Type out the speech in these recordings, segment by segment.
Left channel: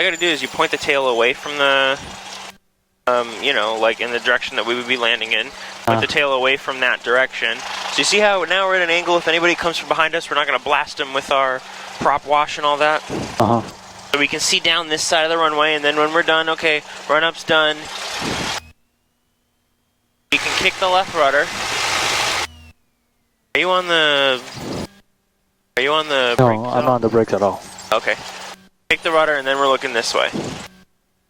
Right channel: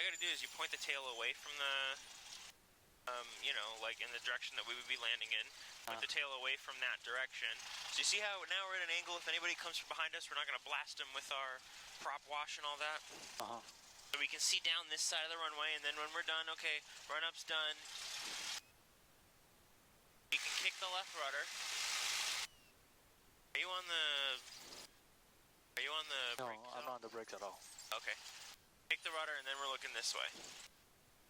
All you gotta do is you point the tail away from the, you know, like in the direction that we would be landing in. Point the tail away from that direction. So you see how now we're at an angle, if anybody comes from behind us, we're not gonna blast them with our prop wash and all that. Uh-huh. So we can see down this side of the runway, and then when we're done, okay, run-up's done. You can kick the left rudder. Are you on the No, brakes? I'm not on the brakes at all. Okay. Kick the rudder, and then we're looking this way.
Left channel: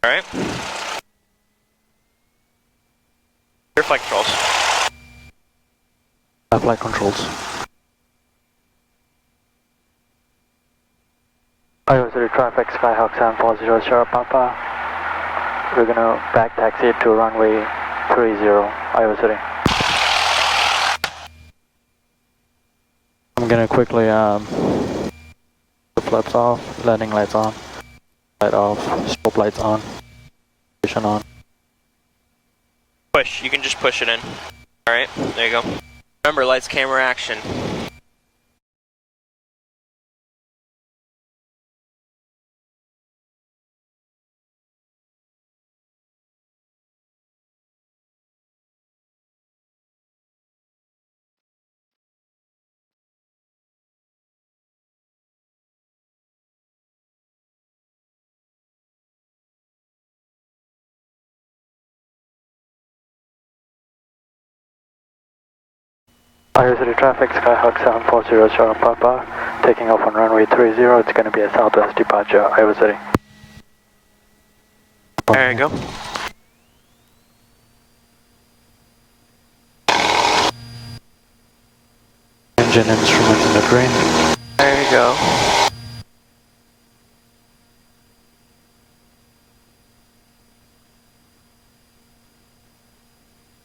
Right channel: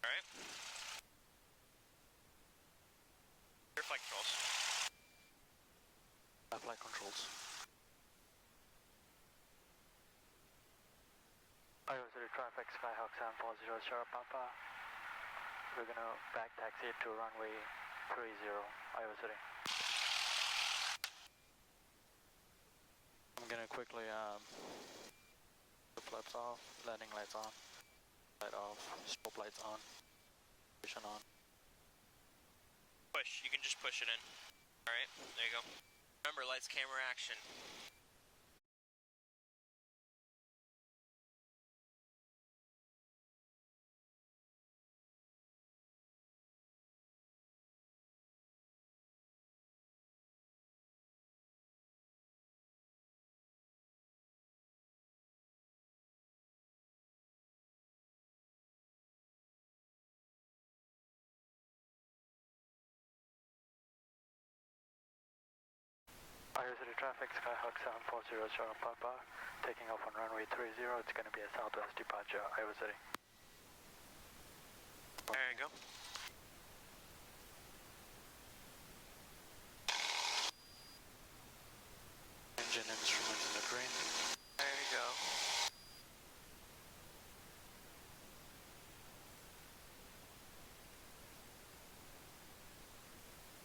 Alright? Your flight controls. Flight controls. Iowa City traffic, Skyhawk 740 Sierra Papa. We're gonna back taxi to runway 30, Iowa City. I'm gonna quickly the flaps off, landing lights on, light off, strobe lights on, station on. Push, you can just push it in. Alright, there you go. Remember, lights, camera, action. Iowa City traffic, Skyhawk 740 Sierra Papa, taking off on runway 30, it's going to be a southwest departure, Iowa City. There you go. Engine instruments in the green. There you go.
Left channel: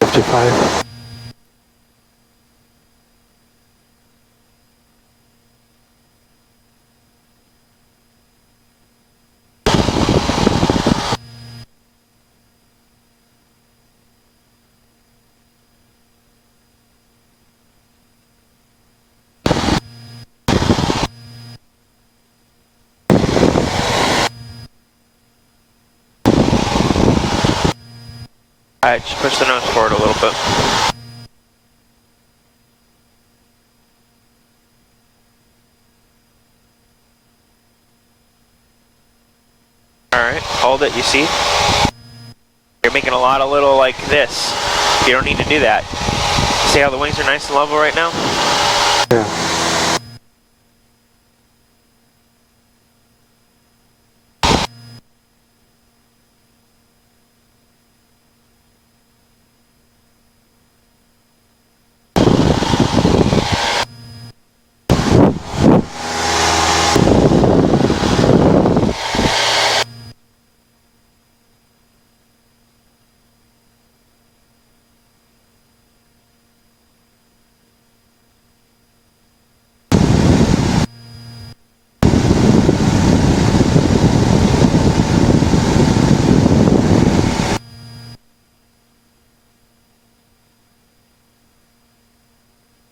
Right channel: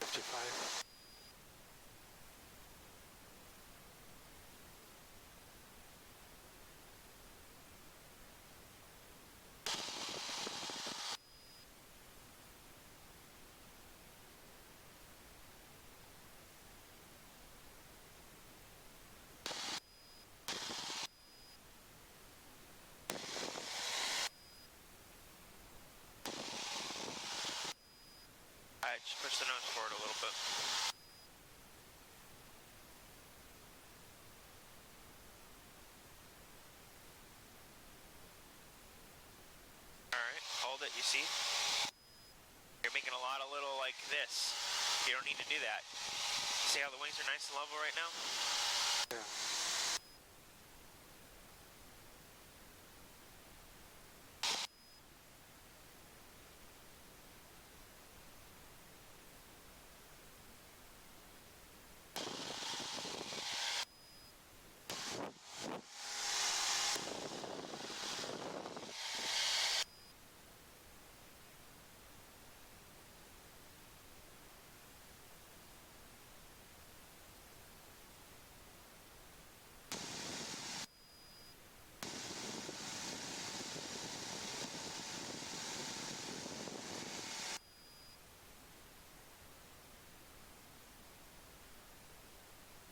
$55. Alright, just push the nose forward a little bit. Alright, hold it, you see? You're making a lot of little like this. You don't need to do that. See how the wings are nice and level right now? Yeah.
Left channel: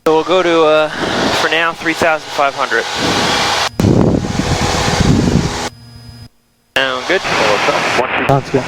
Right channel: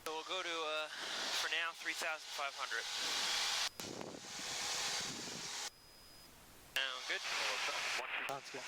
So we'll go to, for now, 3,500. Sound good? Sounds good.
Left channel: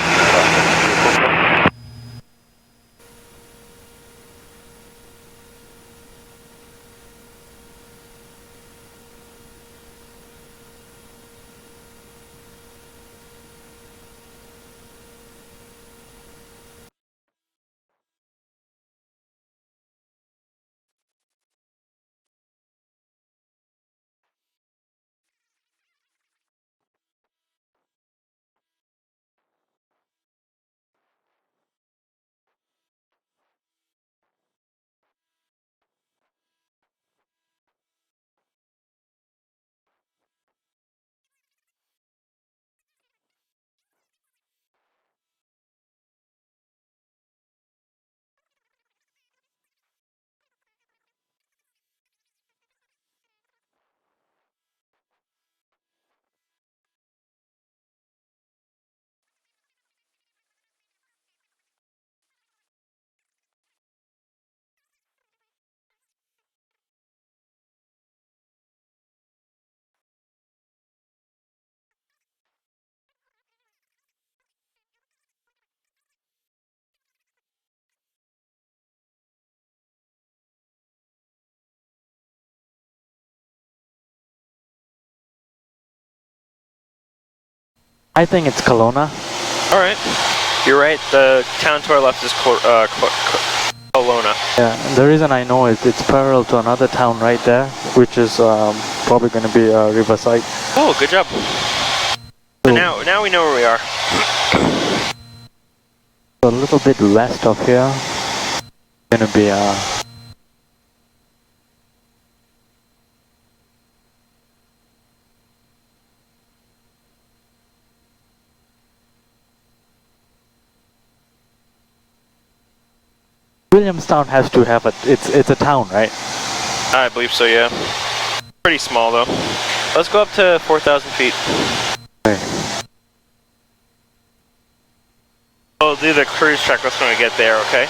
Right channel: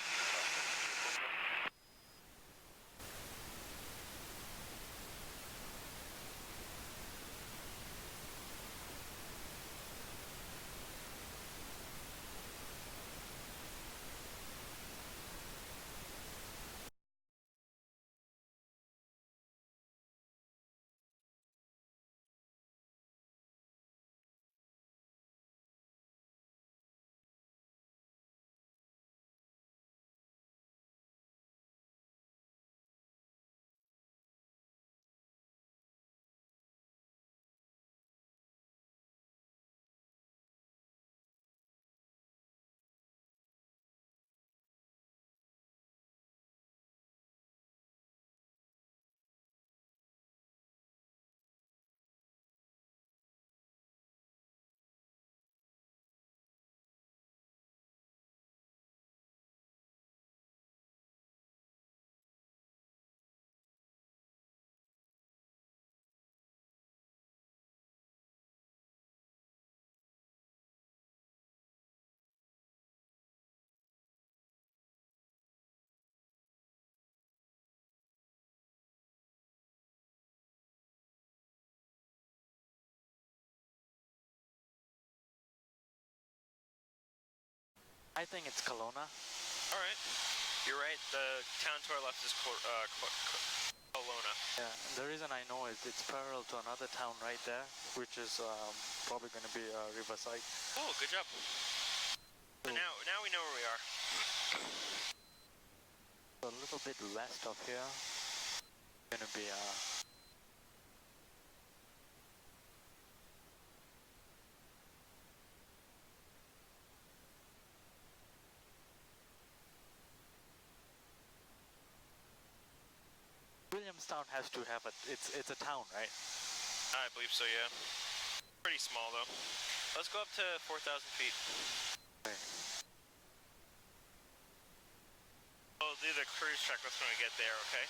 I think it's Kelowna. All right. You're right. The town to our left is Kelowna. Yeah, and the reason I know is it's parallel to another town right there, which is probably going to be Riverside. Oh, good job. So now we know where we are. A little bit west of here, going to be Williamstown has to have it's a town, right? I believe so, yeah. Pretty small though. Let's go up to 4,000 feet. Okay. We'll do the cruise checklist when we get there, okay?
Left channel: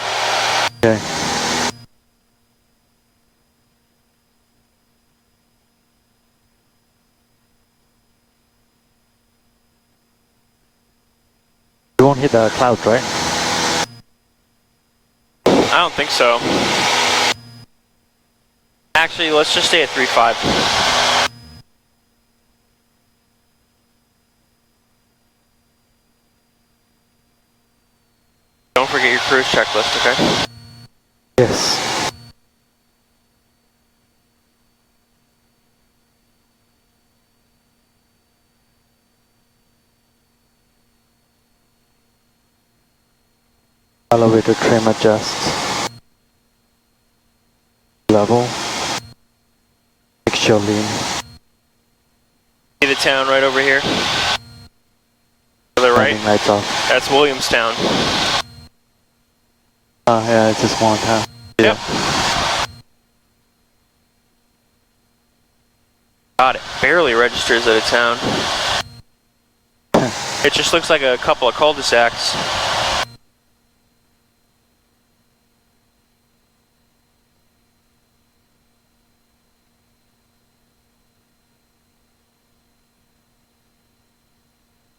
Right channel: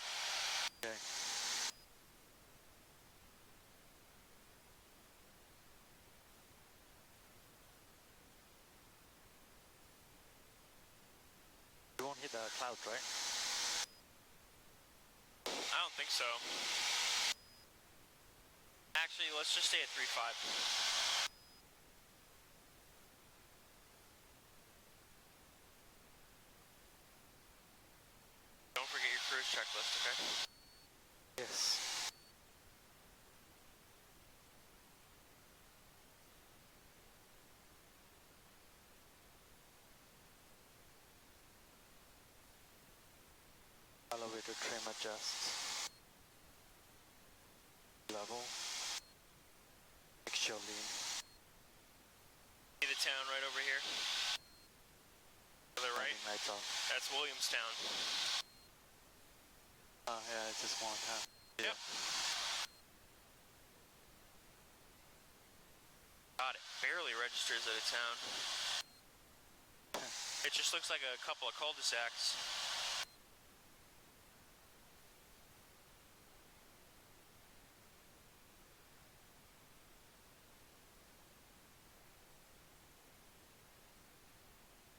Okay. You won't hit the clouds, right? I don't think so. Actually, let's just stay at 3.5. Don't forget your cruise checklist, okay? Yes. Elevator trim adjust. Level. Mixture lean. See the town right over here? To the right? Landing lights off. That's Williamstown. Oh yeah, it's a small town. Yep. God, it barely registers as a town. It just looks like a couple of cul-de-sacs.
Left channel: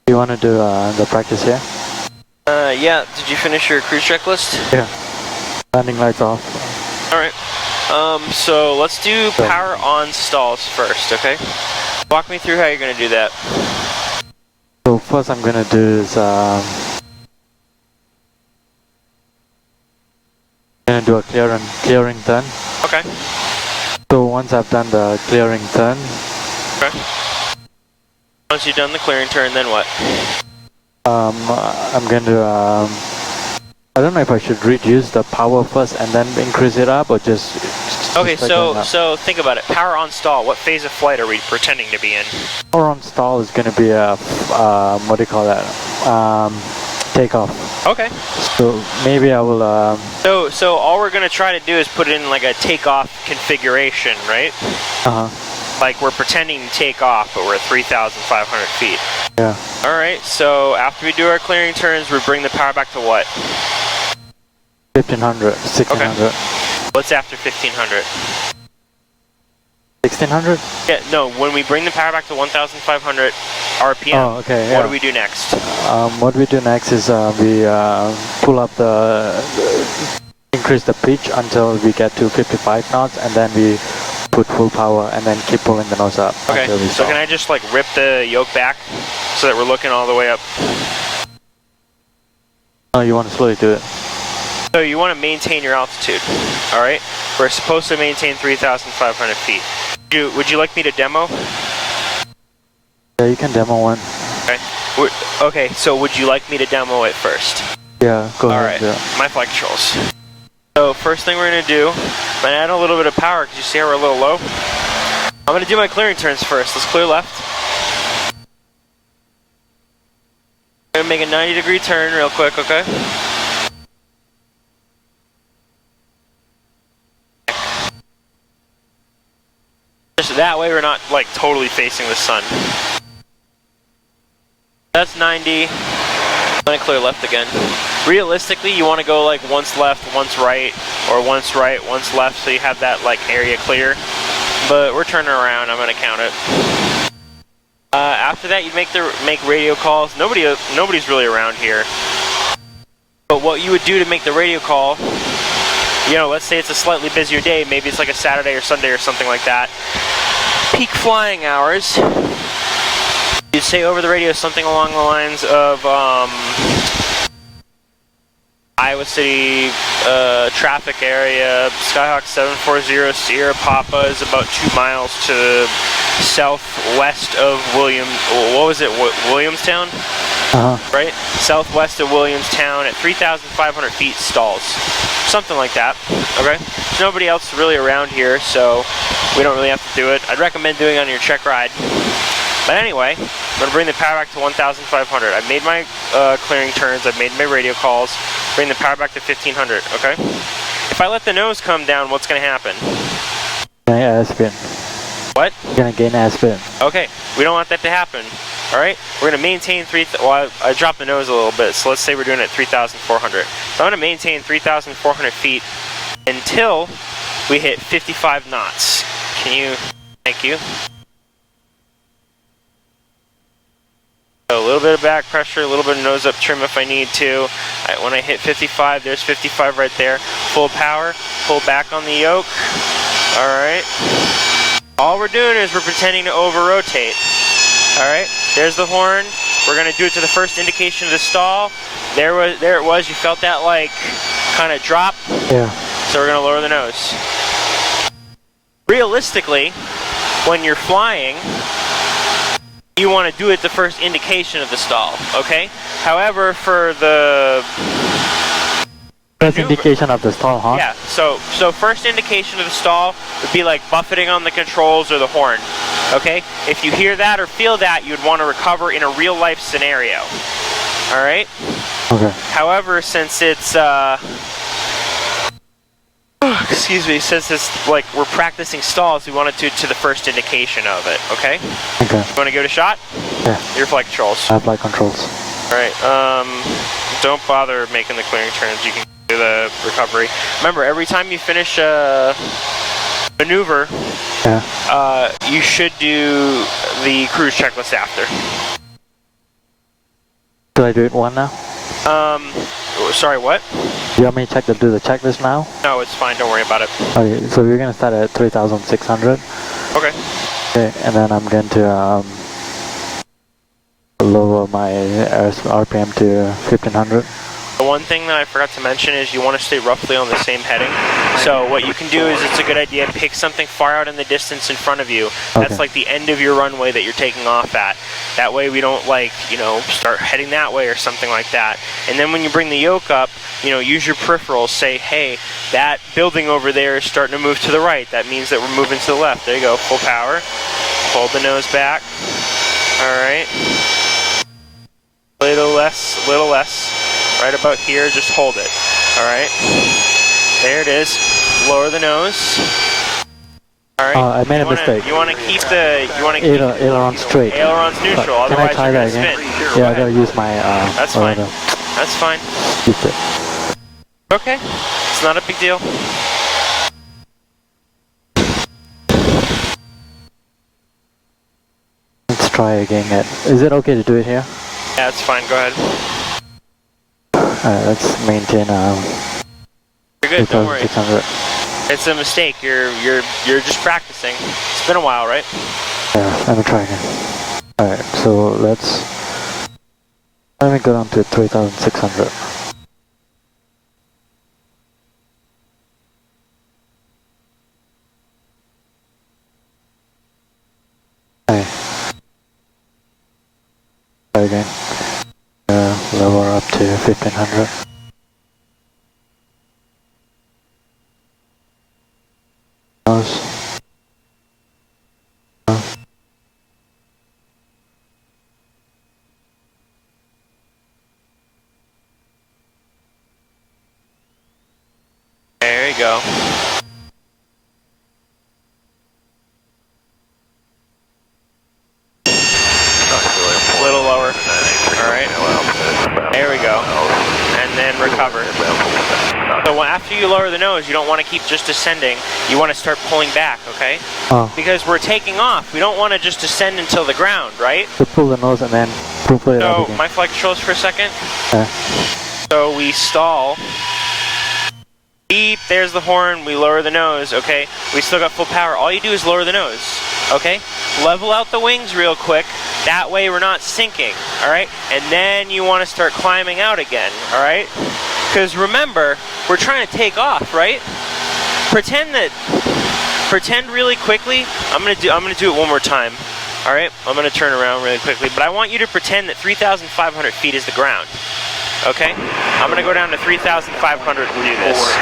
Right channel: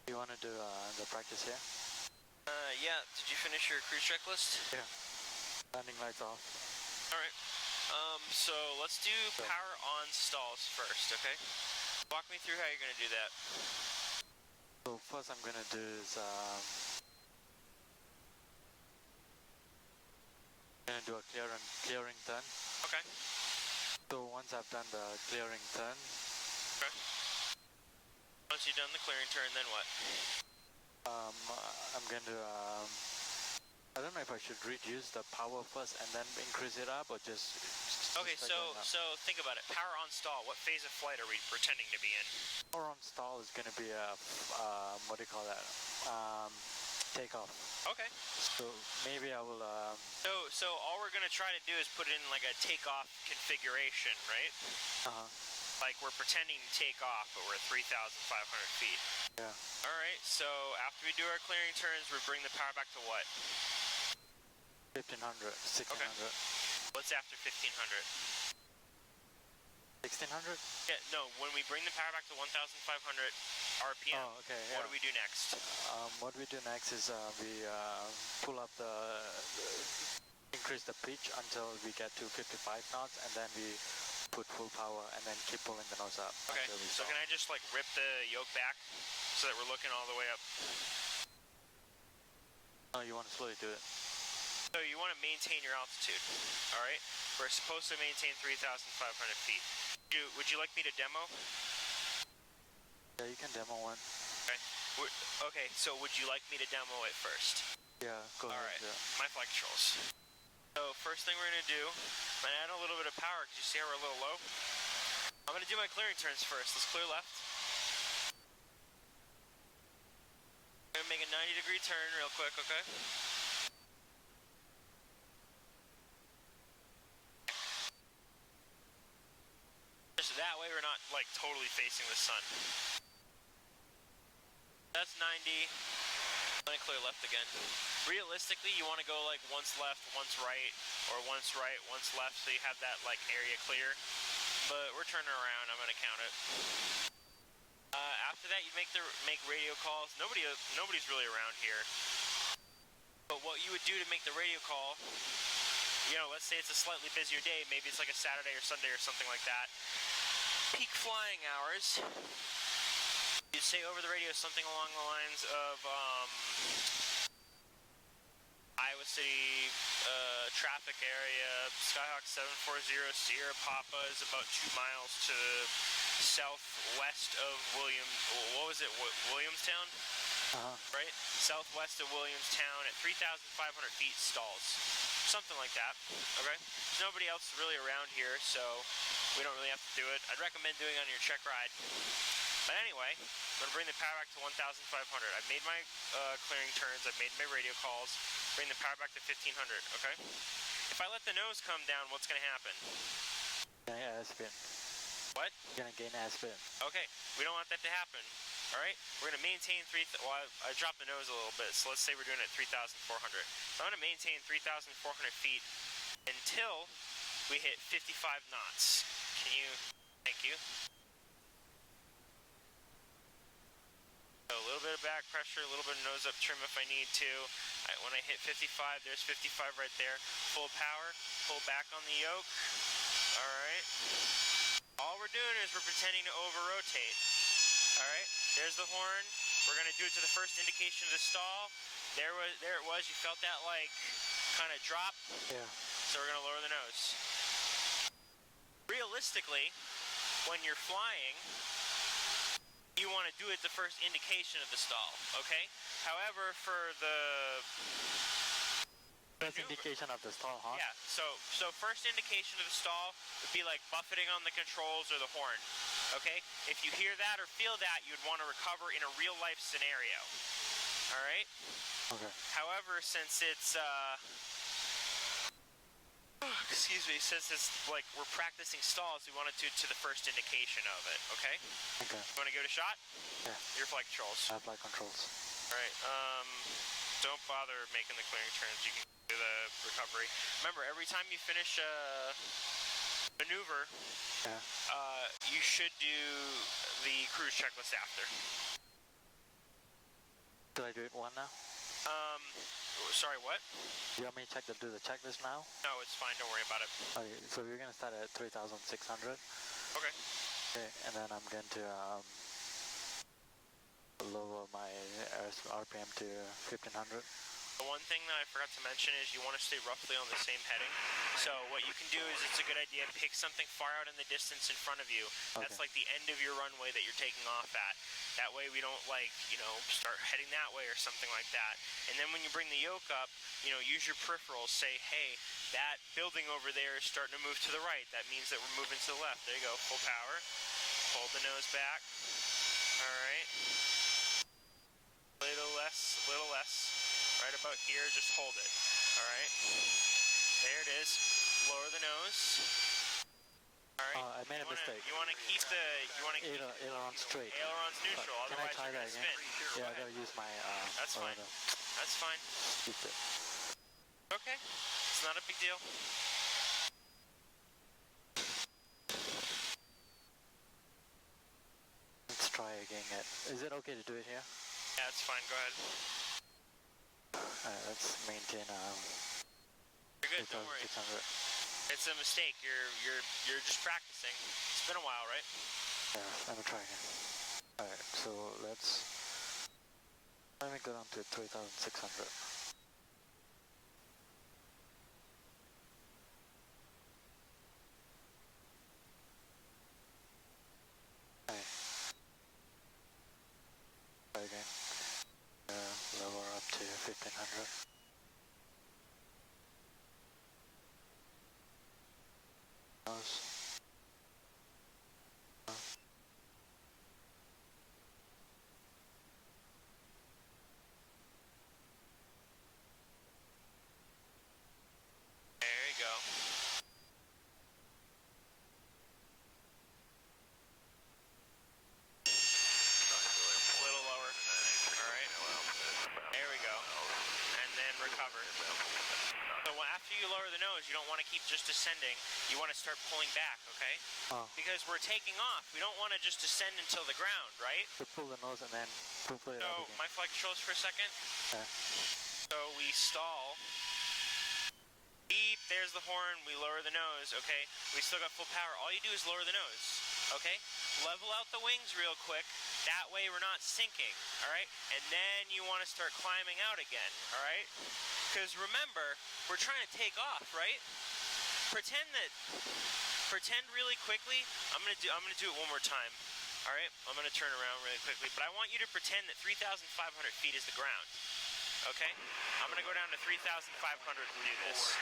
You want to do the practice here? Yeah, did you finish your cruise checklist? Yeah. Landing lights off. Alright. So let's do power on stalls first, okay? Walk me through how you're going to do that. So first I'm going to do is going to do a clearing turn. Okay. So once I've done the clearing turn, Okay. Once you've done the clearing turn, then what? I'm going to I don't know if I should reduce the power first and then increase it up, or just Okay, start going up. so think about it. Power on stall. What phase of flight are we pretending to be in? Power on stall is going to be a what do you call that? Takeoff. Okay. So maybe I will. So all we're gonna try to do is put in like a takeoff configuration, right? Like we're pretending to take off, but we're at 3,500 feet. Yeah. All right. So after we do our clearing turns, we bring the power back to what? 1,500, 1,600. What's after 1,500? 1,600? Yeah. No. When we bring the power back to 1,500 RPM, Oh, okay. Yeah. what do we do next? What we do next is we pull up increase the pitch until we get to 55 knots, and then we put full power and then keep pulling the nose up. Okay. Until we So stop. can I just like rip the yoke back so that we're looking all the way up? No, you want to slowly do it. So you want to maintain your altitude, all right? We're supposed to maintain 3,500 feet. Would you like me to demo? Yeah, you can demo one. Okay. Okay, so would you like me to demo it first? Yeah, go All ahead. right, Yeah. my flight controls. So first thing we're going to do, I'm going to add a little bit of power because you see how we're a little low. I'm going to do my clearing turns first. Let's clear left. I'm going to make a 90-degree turn real quick, okay? Just that way we're not like totally facing the sun. That's 90. I'm gonna clear left again. Realistically, you want to go like once left, once right, or once right, once left, so you have that like area clear. But we're turning around. I'm gonna count it. After that, you make radio calls. Nobody's really around here. But what you would do to make the radio call, you know, let's say it's a slightly busier day. Maybe it's like a Saturday or Sunday or something like that. Peak flying hours. you'd say over the radio something along the lines of Iowa City traffic area, Skyhawk 740 Sierra Papa is about 2 miles to southwest of Williamstown? Right? Southwest of Williamstown at 3,500 feet stalls. Something like that, okay? There's nobody else really around here, so we don't really have to do it. I'd recommend doing it on your check ride. But anyway, I'm gonna bring the power back to 1,500. I've made my clearing turns, I've made my radio calls, bring the power back to 1,500, okay? If I let the nose come down, what's gonna happen? Gonna airspin. What? Gonna gain airspin. Okay, we don't want that to happen. All right, we're gonna maintain well, I dropped the nose a little bit, so let's say we're doing it at 3,400. So I'm gonna maintain 3,400 feet until we hit 55 knots. Thank you. So a little bit of back pressure, a little bit of nose up trim if I need to. All right, when I hit 55, there's 55 right there. Full power, pull back on the yoke. All right. All we're doing is we're pretending to over-rotate. All right, there's the horn. We're gonna do it to the first indication of the stall. There it was. You felt that like kind of drop. Yeah. So we're gonna lower the nose. Realistically, when you're flying, you want to do it the first indication of the stall. Okay. However, for the first indication of the stall, huh? Yeah. So first indication of the stall would be like buffeting on the controls or the horn. Okay? If you hear that or feel that, you'd want to recover in a real life scenario. All right? Okay. However, since it's excuse me, since it's like we're practicing stalls, we want to do to the first indication of it. Okay? Okay. You want to give it a shot? Yeah. Your flight controls. I have flight controls. All right. Don't bother making the clearing turns. You can do the recovery. Remember, every time you finish a maneuver, yeah, you should do the cruise checklist after. Do I do it one now? Sorry, what? You want me to do the checklist now? No, it's fine. Don't worry about it. Okay, so we're gonna start at 3,600. Okay. Okay, and then I'm going to lower my RPM to 1,500. The one thing that I forgot to mention is you want to stay roughly on the same heading. So what you can do is it's a good idea, pick something far out in the distance in front of you. That's Okay. like the end of your runway that you're taking off at. That way we don't start heading that way or something like that. And then when you bring the yoke up, use your peripherals, say, hey, that building over there is starting to move to the right. That means that we're moving to the left. There you go, full power. Hold the nose back. All right. Little less. Right about here, just hold it. All right. There it is. Lower the nose. All right. I made a mistake. You want to keep the. Aileron straight. Aileron's neutral. Can I Otherwise, try you're that gonna again? spin. Yeah, I gotta use my. That's fine. That's fine. Keep it. Okay. It's not a big deal. Let's try again. Is it okay to do it here? Yeah, it's fine. Go ahead. Alright, let's maintain You're good. Don't worry. 2,600. It's a mistake. You're just practicing. It's been a while, right? Yeah, let me try again. Alright, so let me go down to 3,600. Okay. Try again. Lower up to 1,500. Nose. There you go. A little lower. All right. There we go. And then recover. So after you lower the nose, you don't want to keep just descending. You want to start pulling back, okay? Oh. Because we're taking off. We don't want to just descend until the ground, right? So pull the nose and then pull it up So again. my flight controls for a second. Yeah. So we stall. Beep, there's the horn, we lower the nose, okay? We still got full power. All you do is lower the nose. Okay? Level out the wings real quick. That way we're not sinking, all right? And then you want to start climbing out again, all right? Because remember, we're trying to take off, right? Pretend really quickly. I'm gonna do it one more time. All right, I'm gonna turn around really quickly, but I want you to pretend that 3,500 feet is the ground. Okay? I'm gonna go down to 3,500 and do this.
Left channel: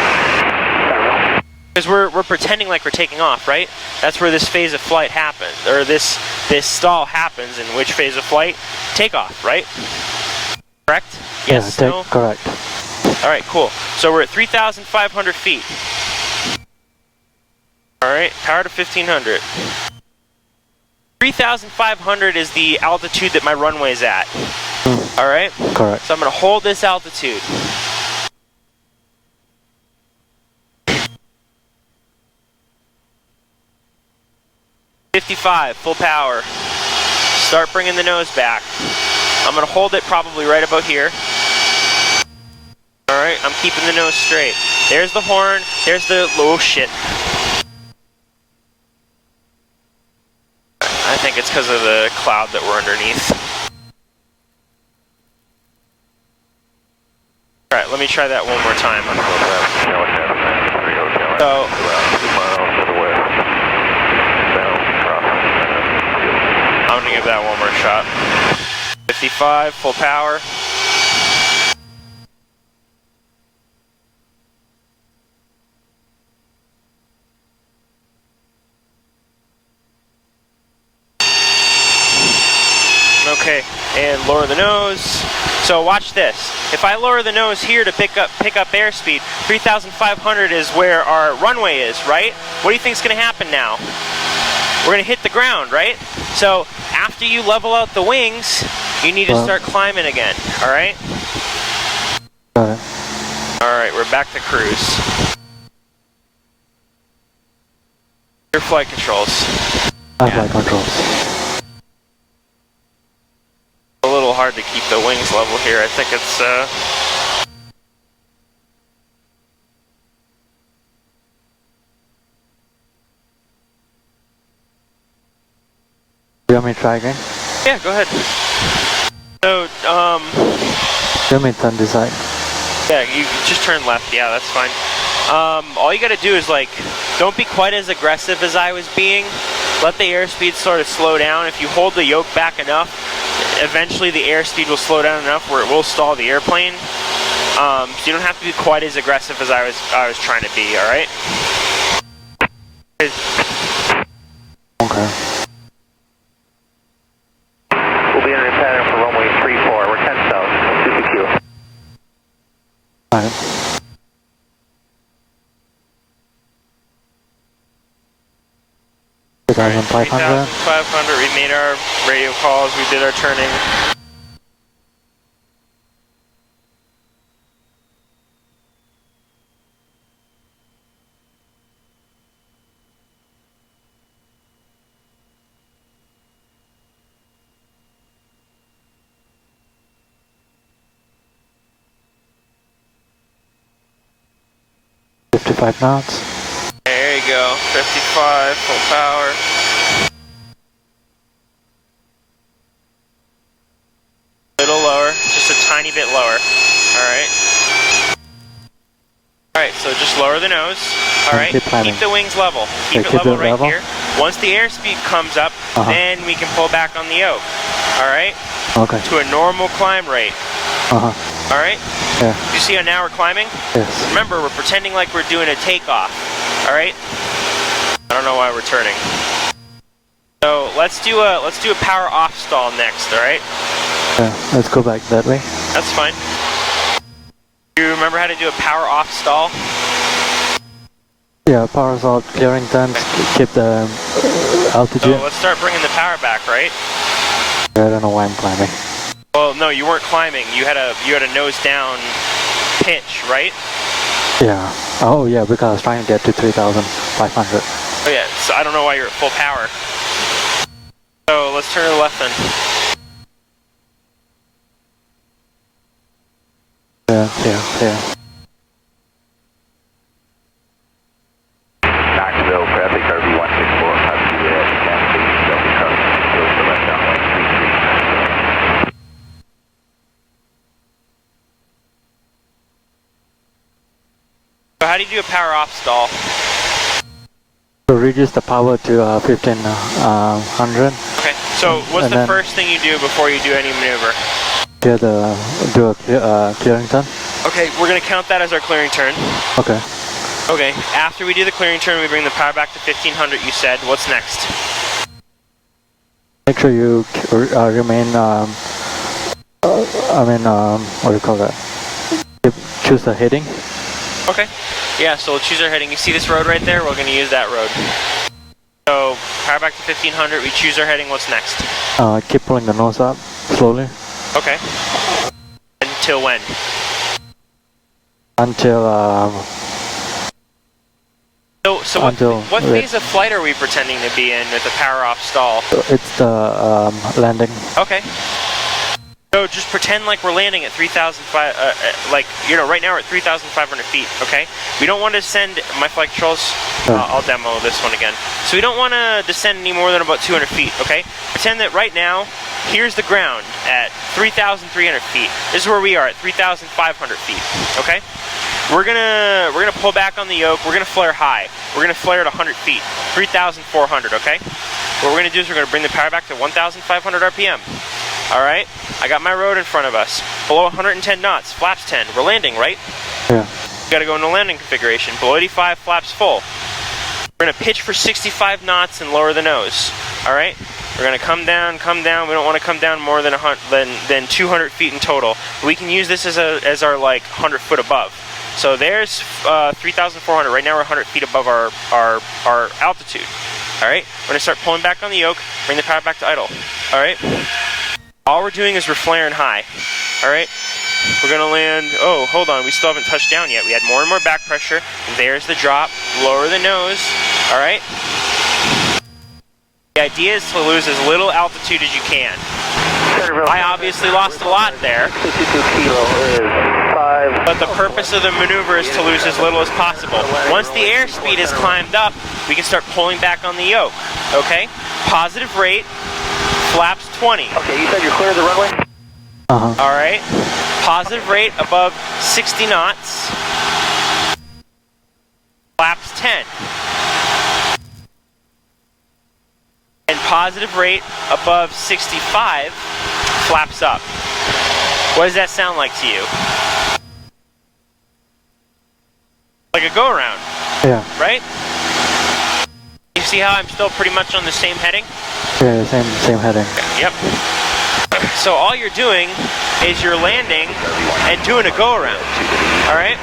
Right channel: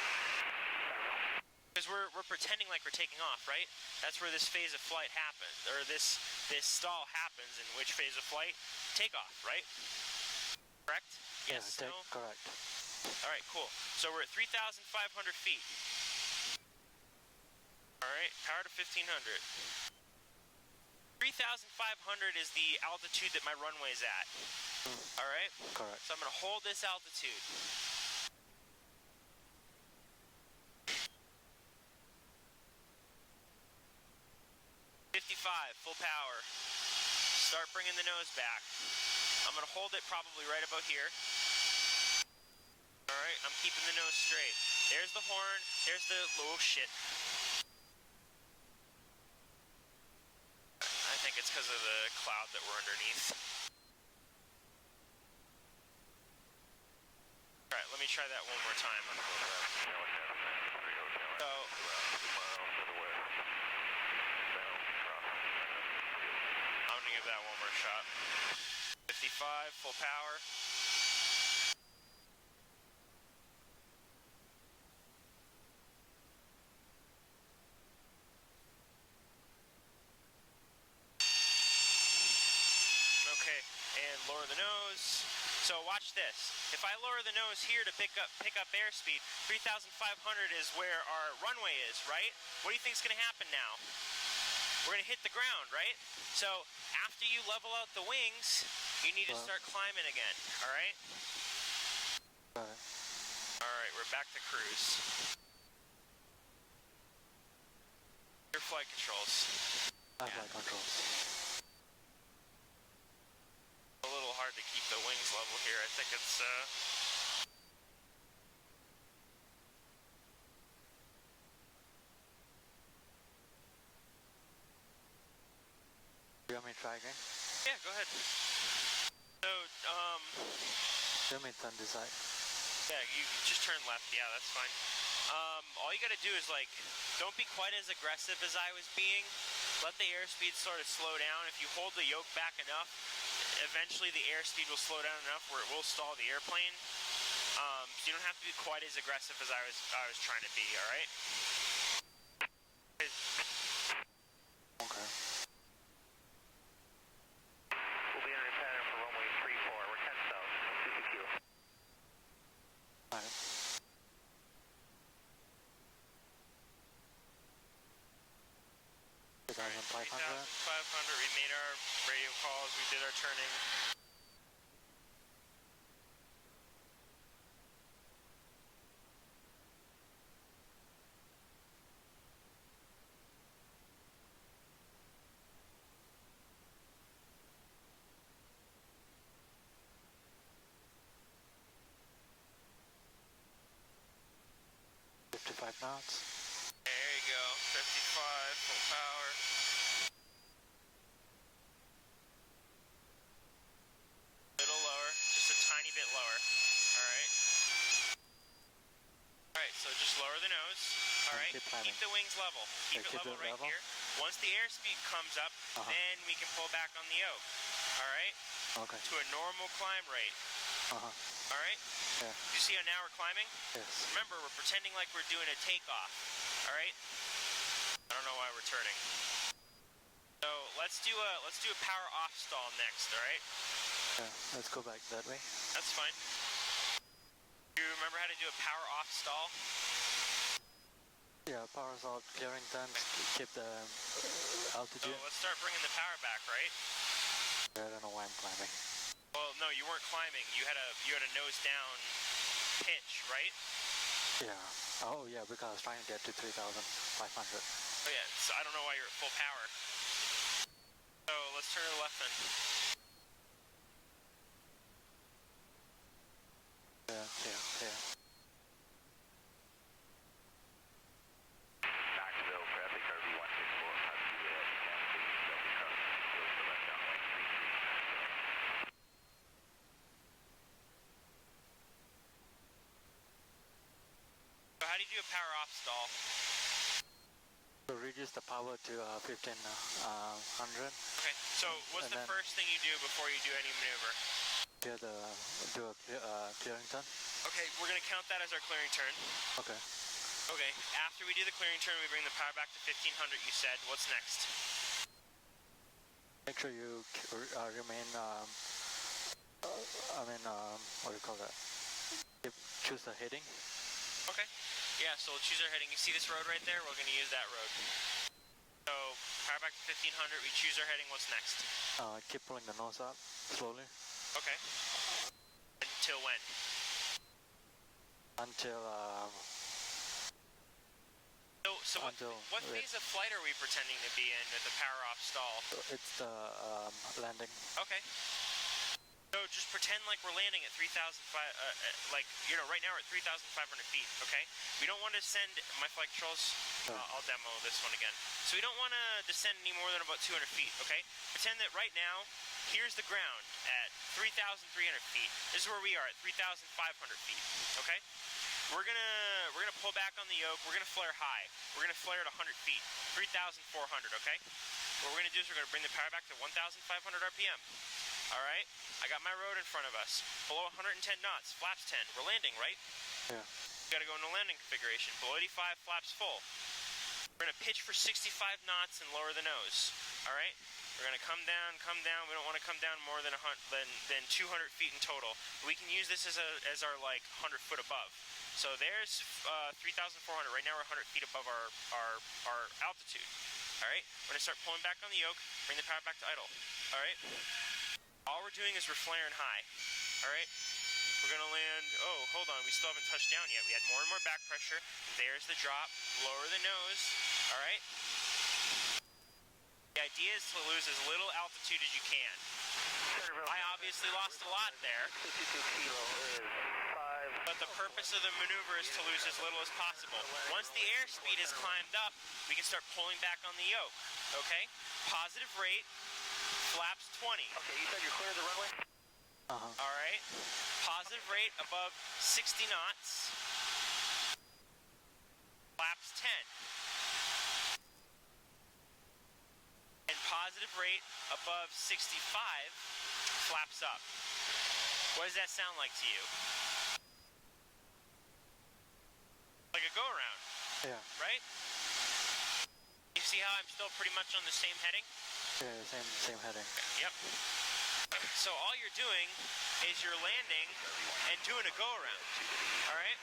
Because we're pretending like we're taking off, right? That's where this phase of flight happens, or this stall happens. In which phase of flight? Takeoff, right? Correct? Yes. Yeah, no? Correct. All right, cool. So we're at 3,500 feet. All right, power to 1,500. 3,500 is the altitude that my runway's at. All right? Correct. So I'm going to hold this altitude. $55, full power. Start bringing the nose back. I'm going to hold it probably right about here. All right, I'm keeping the nose straight. There's the horn. There's the, oh shit. I think it's because of the cloud that we're underneath. All right, let me try that one more time. So, I'm gonna give that one more shot. 55, full power. Okay, and lower the nose. So watch this. If I lower the nose here to pick up airspeed, 3,500 is where our runway is, right? What do you think is going to happen now? We're going to hit the ground, right? So after you level out the wings, you need to start climbing again, all right? Got it. All right, we're back to cruise. Your flight controls. Flight controls. A little hard to keep the wings level here. I think it's You want me to try again? yeah, go ahead. So, You want me to turn this side? yeah, you just turn left. Yeah, that's fine. All you gotta do is like, don't be quite as aggressive as I was being. Let the airspeed sort of slow down. If you hold the yoke back enough, eventually the airspeed will slow down enough where it will stall the airplane. So you don't have to be quite as aggressive as I was trying to be. All right. Okay. We'll be entering pattern for runway 34. We're 10 south, 2PQ. Alright. All right, 3,500. 3,500. We made our radio calls. We did our turning. $55 knots. There you go. 55, full power. Little lower, just a tiny bit lower. Alright. Alright, so just lower the nose. Alright, keep the wings level. Keep it level right here. Once the airspeed comes up, then we can pull back on the yoke. Alright? Okay. To a normal climb rate. Alright? Yeah. You see how now we're climbing? Yes. Remember, we're pretending like we're doing a takeoff. Alright? I don't know why we're turning. So let's do a power off stall next, alright? Yeah, let's go back that way. That's fine. Do you remember how to do a power off stall? Yeah, power off, clearing turns, keep the altitude. So let's start bringing the power back, right? I don't know why I'm climbing. Well, no, you weren't climbing. You had a nose down pitch, right? Yeah. Oh yeah, because I was trying to get to 3,500. Oh yeah. So I don't know why you're at full power. So let's turn to the left then. Yeah. Knoxville, traffic RV 164, copy that. So how do you do a power off stall? So reduce the power to 1500. Okay, so what's And the then- first thing you do before you do any maneuver? Do a clearing turn. Okay, we're gonna count that as our clearing turn. Okay. Okay, after we do the clearing turn, we bring the power back to 1500, you said. What's next? Make sure you remain. What do you call that? Choose the heading. Okay. Yeah, so we'll choose our heading. You see this road right there? We're going to use that road. So, power back to 1500, we choose our heading. What's next? Keep pulling the nose up slowly Okay. Until when? until So what Until- what phase of flight are we pretending to be in with the power off stall? it's the landing. Okay. So just pretend like we're landing at 3,500, right now we're at 3,500 feet, okay? We don't want to descend, my flight controls, I'll demo this one again. So we don't want to descend any more than about 200 feet, okay? Pretend that right now, here's the ground at 3,300 feet. This is where we are at 3,500 feet, okay? We're gonna pull back on the yoke, we're gonna flare high. We're gonna flare at 100 feet, 3,400, okay? What we're gonna do is we're gonna bring the power back to 1,500 RPM. All right, I got my road in front of us. Below 110 knots, flaps 10. We're landing, right? Yeah. Got to go into landing configuration. Below 85, flaps full. We're gonna pitch for 65 knots and lower the nose. All right. We're gonna come down. We don't want to come down more than 200 feet in total. We can use this as our like 100 foot above. So there's 3,400. Right now we're 100 feet above our altitude. All right. We're gonna start pulling back on the yoke. Bring the power back to idle. All right. All we're doing is we're flaring high, all right? We're gonna land, oh, hold on, we still haven't touched down yet. We had more and more back pressure. There's the drop, lower the nose, all right? The idea is to lose as little altitude as you can. I obviously lost a lot there, 62 kilo is 5. but the purpose of the maneuver is to lose as little as possible. Once the airspeed is climbed up, we can start pulling back on the yoke, okay? Positive rate, flaps 20. Okay, you said you're clear of the runway? All right. Positive rate above 60 knots. Flaps 10. And positive rate above 65. Flaps up. What does that sound like to you? Like a go around, Yeah. right? You see how I'm still pretty much on the same heading? Yeah. Same heading. Yep. So all you're doing is you're landing and doing a go around. All right?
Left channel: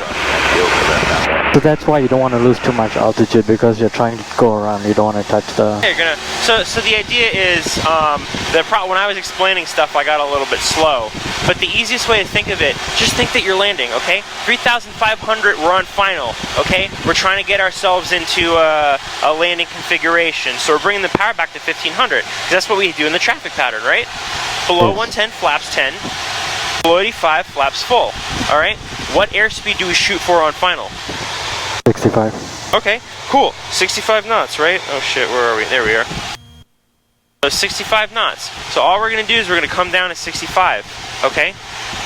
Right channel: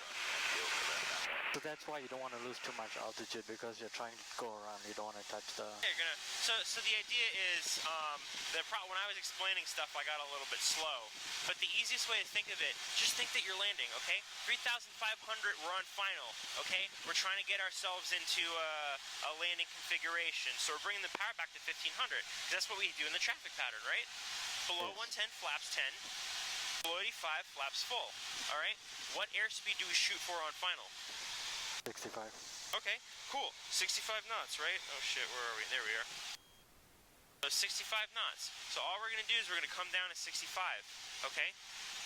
So that's why you don't want to lose too much altitude because you're trying to go around. You don't want to touch the. You're gonna. So the idea is when I was explaining stuff, I got a little bit slow. But the easiest way to think of it, just think that you're landing. Okay? 3,500. We're on final. Okay? We're trying to get ourselves into a landing configuration. So we're bringing the power back to 1,500. 'Cause that's what we do in the traffic pattern, right? Below 110, flaps 10. Below 85, flaps full. All right? What airspeed do we shoot for on final? 65. Okay, cool. 65 knots, right? Oh shit, where are we? There we are. So 65 knots. So all we're going to do is we're going to come down to 65. Okay?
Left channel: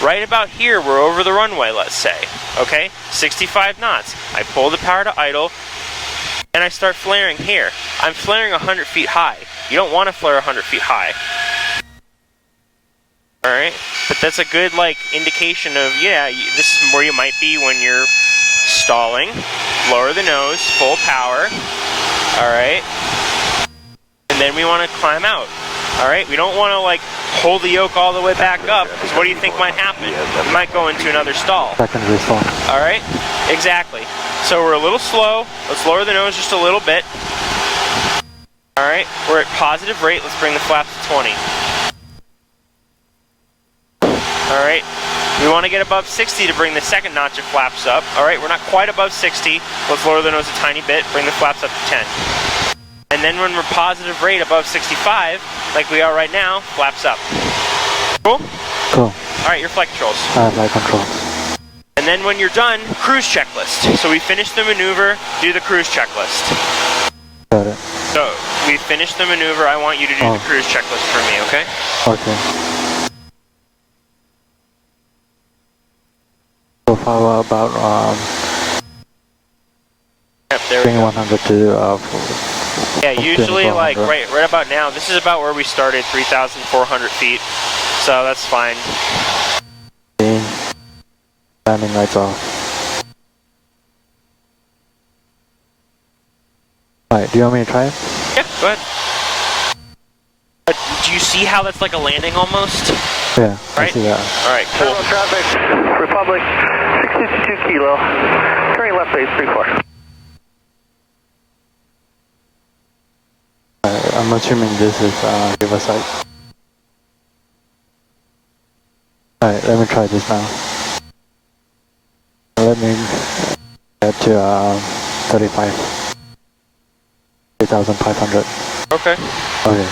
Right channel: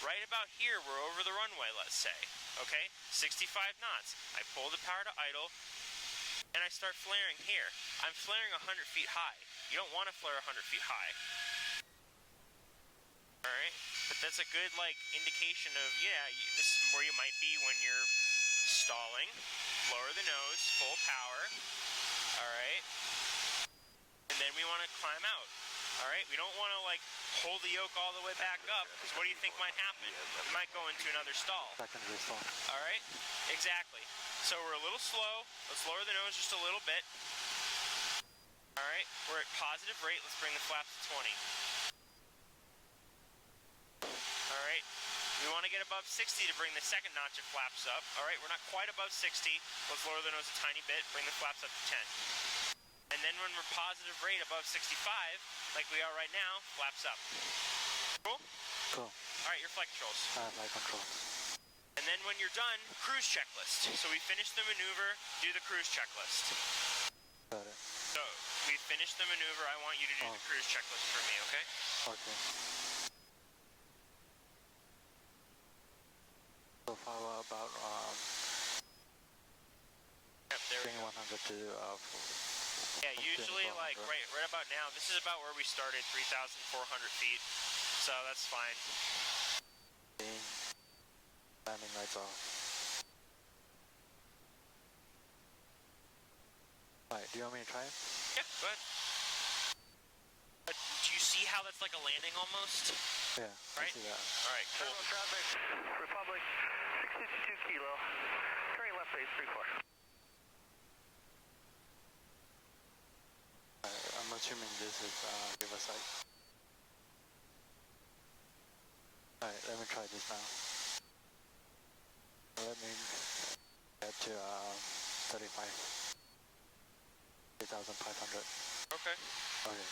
Right about here, we're over the runway, let's say. Okay? 65 knots. I pull the power to idle, and I start flaring here. I'm flaring 100 feet high. You don't want to flare 100 feet high. Alright? But that's a good, like, indication of, yeah, this is where you might be when you're stalling. Lower the nose, full power. Alright? And then we want to climb out. Alright? We don't want to, like, hold the yoke all the way back up, because what do you think might happen? We might go into another stall. Secondary stall. Alright? Exactly. So we're a little slow. Let's lower the nose just a little bit. Alright? We're at positive rate. Let's bring the flaps to 20. Alright, we want to get above 60 to bring the second notch of flaps up. Alright, we're not quite above 60. Let's lower the nose a tiny bit, bring the flaps up to 10. And then when we're positive rate above 65, like we are right now, flaps up. Cool? Cool. Alright, your flight controls. I have my controls. And then when you're done, cruise checklist. So we finish the maneuver, do the cruise checklist. Got it. So we finish the maneuver, I want you to do the cruise checklist for me, okay? Okay. So far about Bring 100 to yeah, usually 400. like right about now. This is about where we started, 3,400 feet. So that's fine. Landing lights off. Alright, do you want me to try it? Yeah, go ahead. Do you see how that's like a landing almost? Yeah, Right? I see that. Alright, cool. Terminal traffic, Republic, 652 kilo, turning left base 34. I'm assuming this is Riverside. Alright, let me try this now. Let me get to 35. 3,500. Okay. Okay.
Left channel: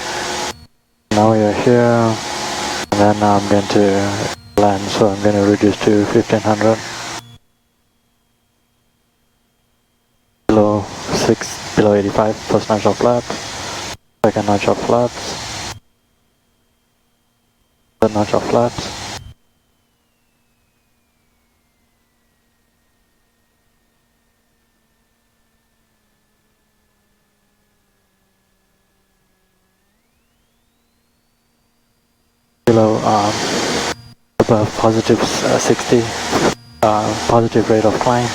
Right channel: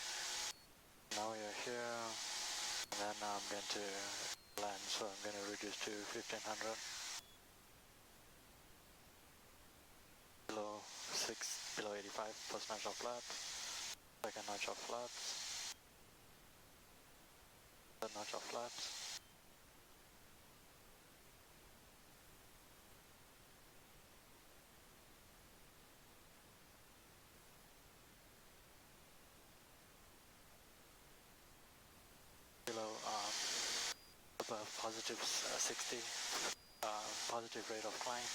Now we are here, and then I'm going to land, so I'm going to reduce to 1,500. Below 85, first notch of flaps, second notch of flaps, third notch of flaps. Below above positive 60, positive rate of climb,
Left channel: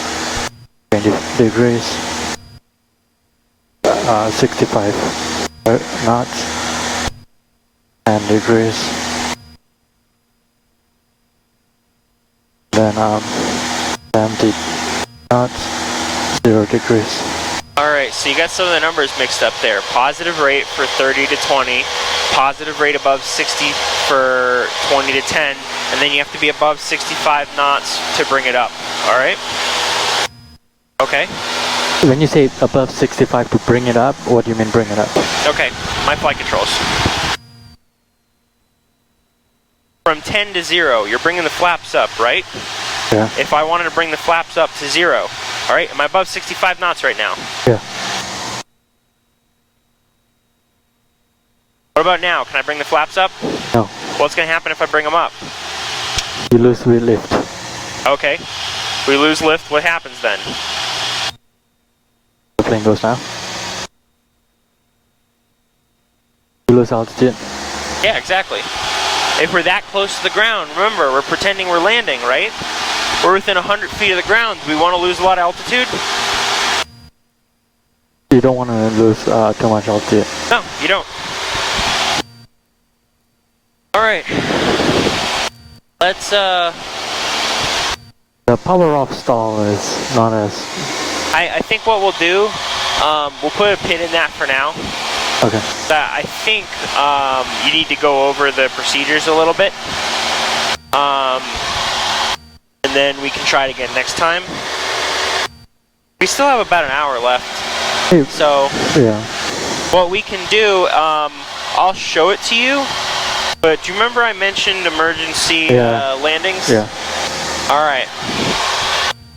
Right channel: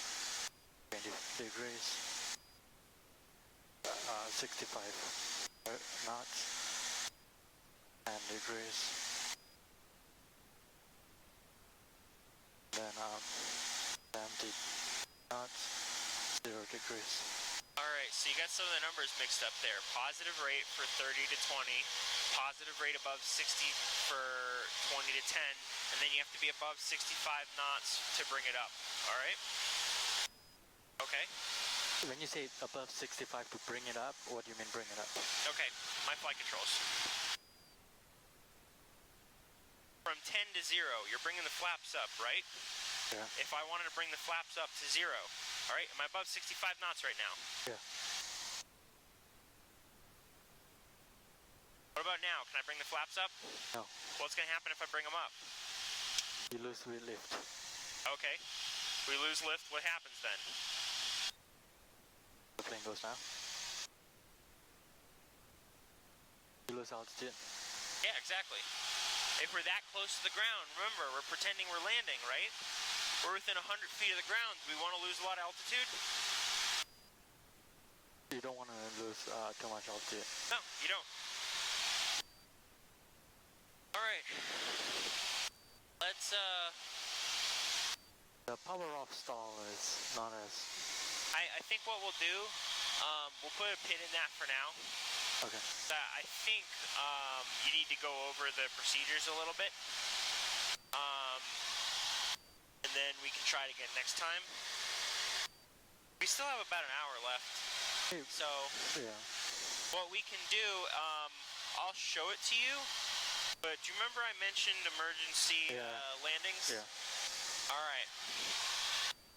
20 degrees, 65 knots, 10 degrees, then 70 knots, 0 degrees. Alright, so you got some of the numbers mixed up there. Positive rate for 30 to 20, positive rate above 60 for 20 to 10, and then you have to be above 65 knots to bring it up. Alright? Okay. When you say above 65 to bring it up, what do you mean bring it up? Okay, my flight controls. From 10 to 0, you're bringing the flaps up, right? Yeah. If I wanted to bring the flaps up to 0, alright, am I above 65 knots right now? Yeah. What about now? Can I bring the flaps up? No. What's going to happen if I bring them up? You lose lift. Okay. We lose lift, what happens then? The plane goes down. You lose altitude. Yeah, exactly. If we're that close to the ground, remember, we're pretending we're landing, right? We're within 100 feet of the ground. Do we want to lose a lot of altitude? You don't want to lose too much altitude. No, you don't. Alright. Let's, The power off stall is not as... I think what we'll do, we'll put a pin in that for now. Okay. I think you need to go over the procedures a little bit. And then we can try it again next time. We still have about an hour left. Hey, So yeah. what we can do, I'll show it to you. But do you remember I mentioned emergency landings? Yeah. All right.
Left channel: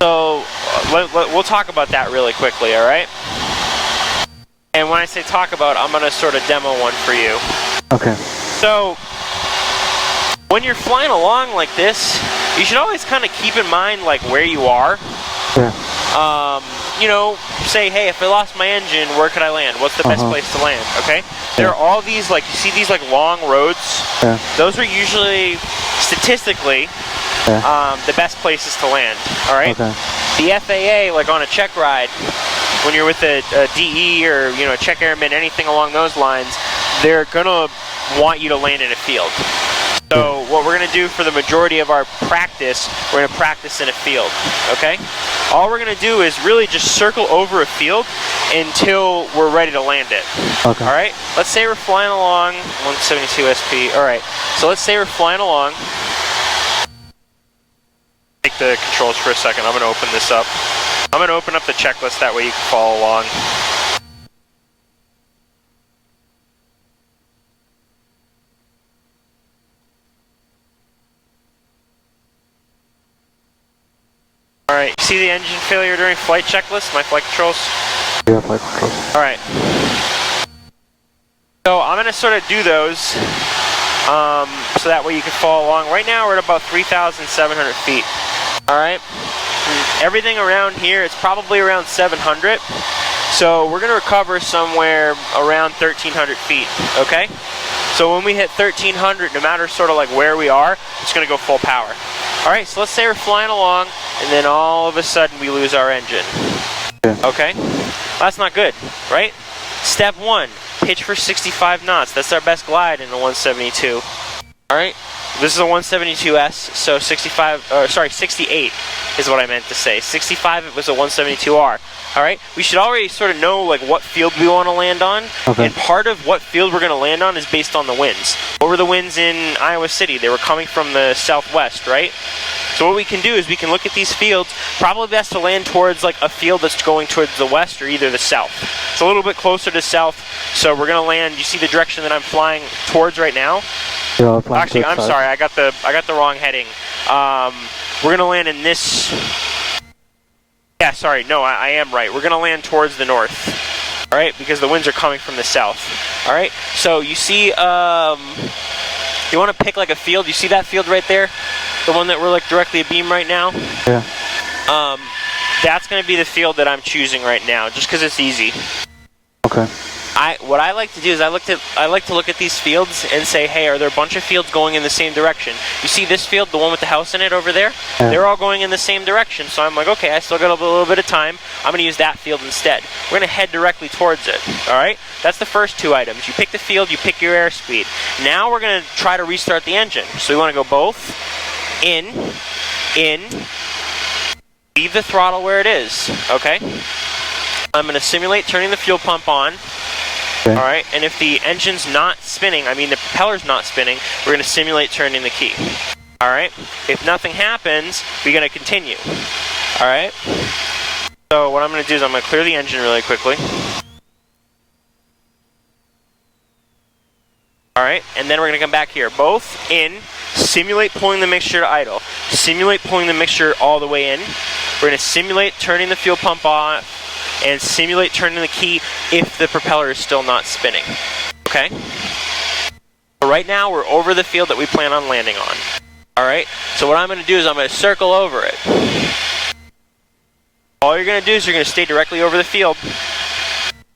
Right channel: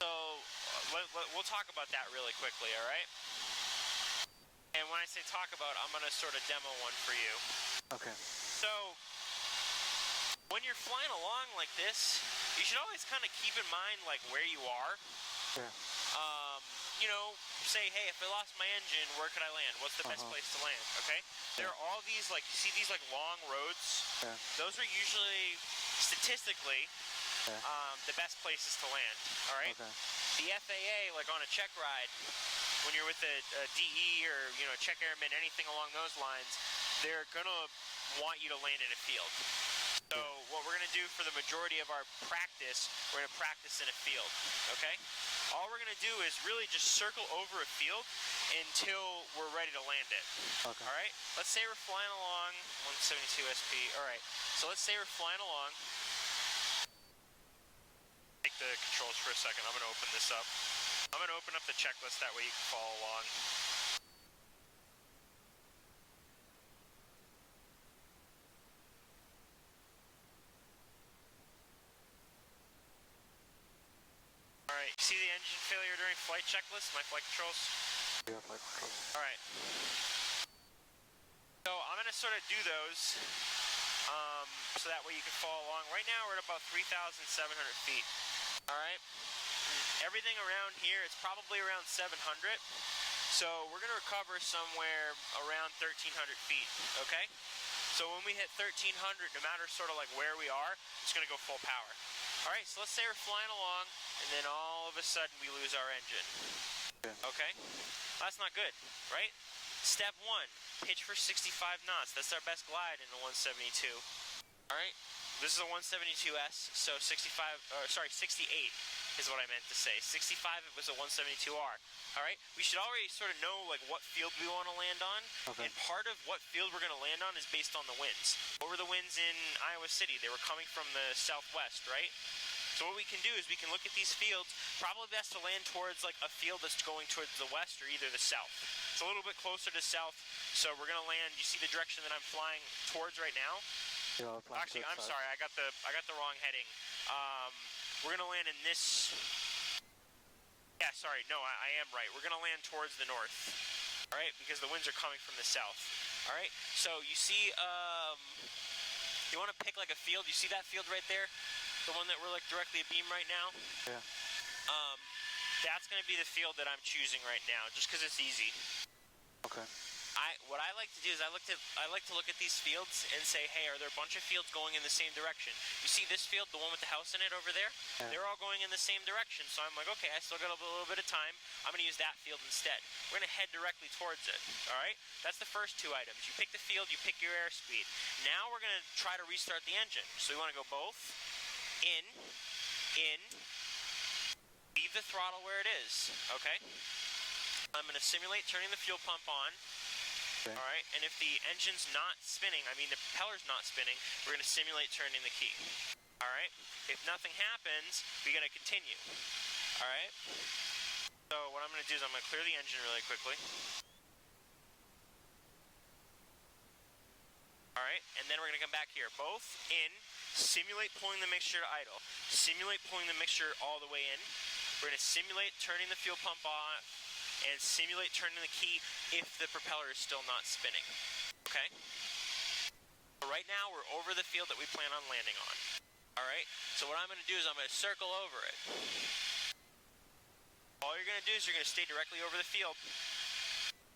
So we'll talk about that really quickly, all right? And when I say talk about, I'm going to sort of demo one for you. Okay. So when you're flying along like this, you should always kind of keep in mind like where you are. Yeah. You know, say, hey, if I lost my engine, where could I land? What's the best place to land? Okay. There are all these like you see these like long roads. Yeah. Those are usually statistically the best places to land. All right. Okay. The FAA, like on a check ride, when you're with a DE or a check airman, anything along those lines, they're gonna want you to land in a field. So what we're gonna do for the majority of our practice, we're gonna practice in a field. Okay? All we're gonna do is really just circle over a field until we're ready to land it. Okay. All right? Let's say we're flying along 172 SP. All right. So let's say we're flying along. Take the controls for a second. I'm gonna open this up. I'm gonna open up the checklist, that way you can follow along. Alright, see the engine failure during flight checklist, my flight controls? Yeah, flight controls. Alright. So I'm gonna sort of do those, so that way you can follow along. Right now we're at about 3,700 feet. Alright? Everything around here, it's probably around 700. So we're gonna recover somewhere around 1,300 feet, okay? So when we hit 1,300, no matter sort of like where we are, it's gonna go full power. All right, so let's say we're flying along, and then all of a sudden we lose our engine. Okay? Well, that's not good, right? Step 1, pitch for 65 knots. That's our best glide in the 172. All right? This is a 172S, so 68 is what I meant to say. 65, it was a 172R. All right? We should already sort of know like what field we want to land on, and part of what field we're going to land on is based on the winds. What were the winds in Iowa City? They were coming from the southwest, right? So what we can do is we can look at these fields. Probably best to land towards like a field that's going towards the west or either the south. It's a little bit closer to south, so we're going to land. You see the direction that I'm flying towards right now? Actually, I'm sorry, I got the wrong heading. We're going to land in this. Yeah, sorry, no, I am right. We're going to land towards the north, all right, because the winds are coming from the south, all right? So you see, you want to pick like a field. You see that field right there? The one that we're like directly abeam right now? Yeah. That's going to be the field that I'm choosing right now, just because it's easy. Okay. What I like to do is I like to look at these fields and say, hey, are there a bunch of fields going in the same direction? You see this field, the one with the house in it over there? Yeah. They're all going in the same direction. So I'm like, okay, I still got a little bit of time. I'm going to use that field instead. We're going to head directly towards it. All right? That's the first two items. You pick the field, you pick your airspeed. Now we're going to try to restart the engine. So we want to go both in, leave the throttle where it is. Okay? I'm going to simulate turning the fuel pump on. Okay. All right, and if the engine's not spinning, I mean the propeller's not spinning, we're going to simulate turning the key. All right, if nothing happens, we're going to continue. All right, so what I'm going to do is I'm going to clear the engine really quickly. All right, and then we're going to come back here. Both in, simulate pulling the mixture to idle. Simulate pulling the mixture all the way in. We're going to simulate turning the fuel pump on, and simulate turning the key if the propeller is still not spinning. Okay? So right now we're over the field that we plan on landing on. Alright? So what I'm going to do is I'm going to circle over it. All you're going to do is you're going to stay directly over the field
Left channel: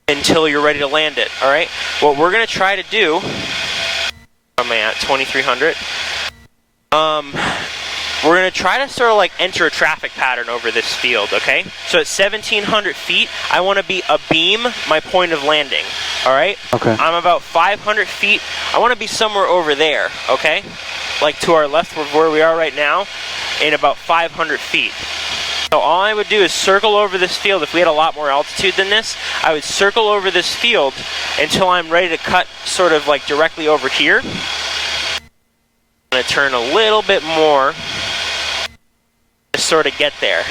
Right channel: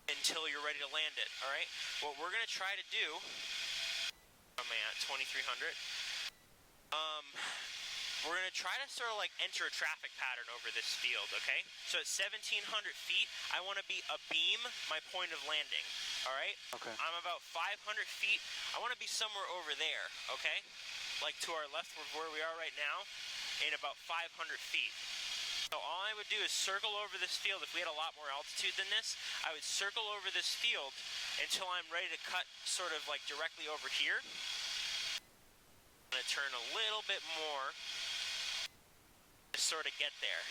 until you're ready to land it. Alright? What we're going to try to do... Where am I at? 2300. We're going to try to sort of like enter a traffic pattern over this field, okay? So at 1,700 feet, I want to be abeam my point of landing, all right? Okay. I'm about 500 feet. I want to be somewhere over there, okay? Like to our left of where we are right now, in about 500 feet. So all I would do is circle over this field. If we had a lot more altitude than this, I would circle over this field until I'm ready to cut sort of like directly over here. I'm going to turn a little bit more to sort of get there.